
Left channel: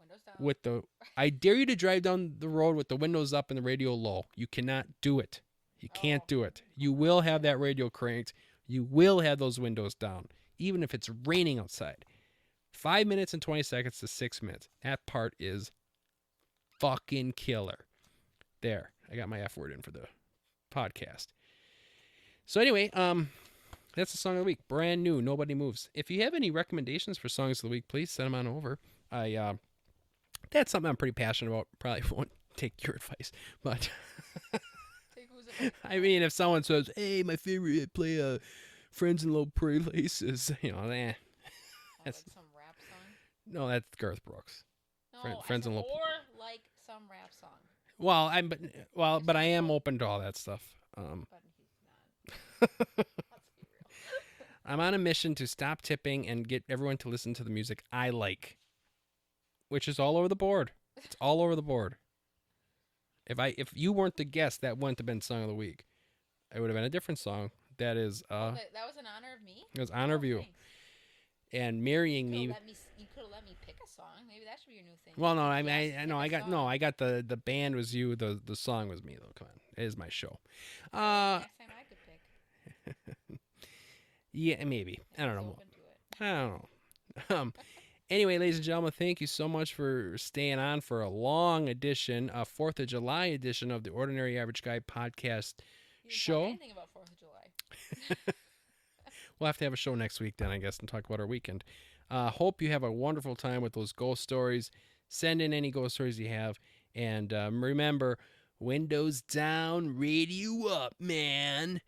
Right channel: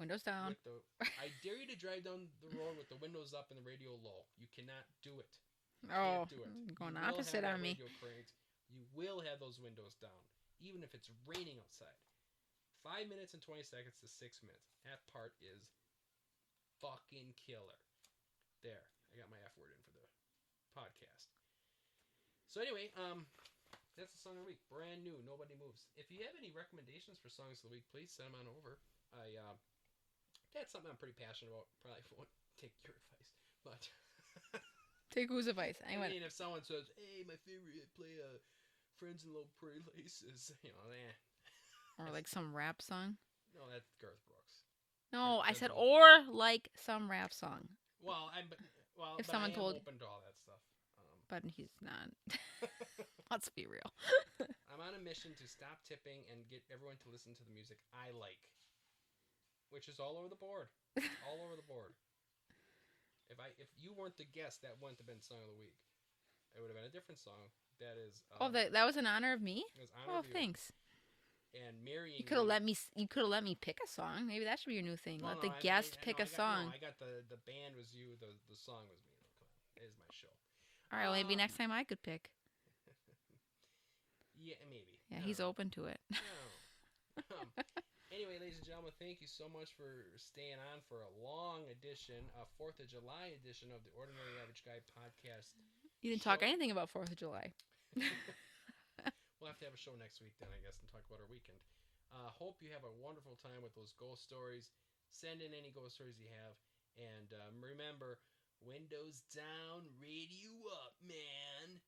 Windows down. I dare you to drive down the road with the windows up and the radio low. You cannot do it. You can't do it. You will have that radio cranked. You will have those windows down, even if it's raining outside. 5 minutes and 20 seconds to 6 minutes. That part is fucking killer. There, I got my F word in for the podcast. So anyway, that's the song of the week. Brand New, Nobody Moves. If you have any recommendations for songs of the week, please send them on over. That's something I'm pretty passionate about. Probably won't take your advice, but take whose advice? I mean, if someone says, "Hey, my favorite play Friends in Low Places," Or like some rap song. No, that's Garth Brooks. No, I said like some rap song. Well, but I am open to all that stuff. But he's not. Let's be real. I'm on a mission to stop tipping and get everyone to listen to the music I like, which is all over the board. It's all over the board. If you weren't the guest, that wouldn't have been Song of the Week. It would have been a different song. That is. That was in honor of me. It was honor of you. Thanks. And marrying me. You could have let me pick a song. Maybe that should be your new thing. Well, no, I got the band was you. The song was me though. Come on, it is my show. All right, maybe next time I could pick. Yeah, maybe. Yeah, I don't he's know. open to it. I don't know. Anyway, ladies and gentlemen, thank you so much for staying on for a long edition, a 4th of July edition of the Ordinary Average Guy podcast. You didn't show. talk anything about 4th of July. We'll have to have a show next week then, I guess, and talk about our weekend. Hope you have a wonderful time with those ghost stories. Send in any ghost stories you have. And remember, windows down, radio up, man.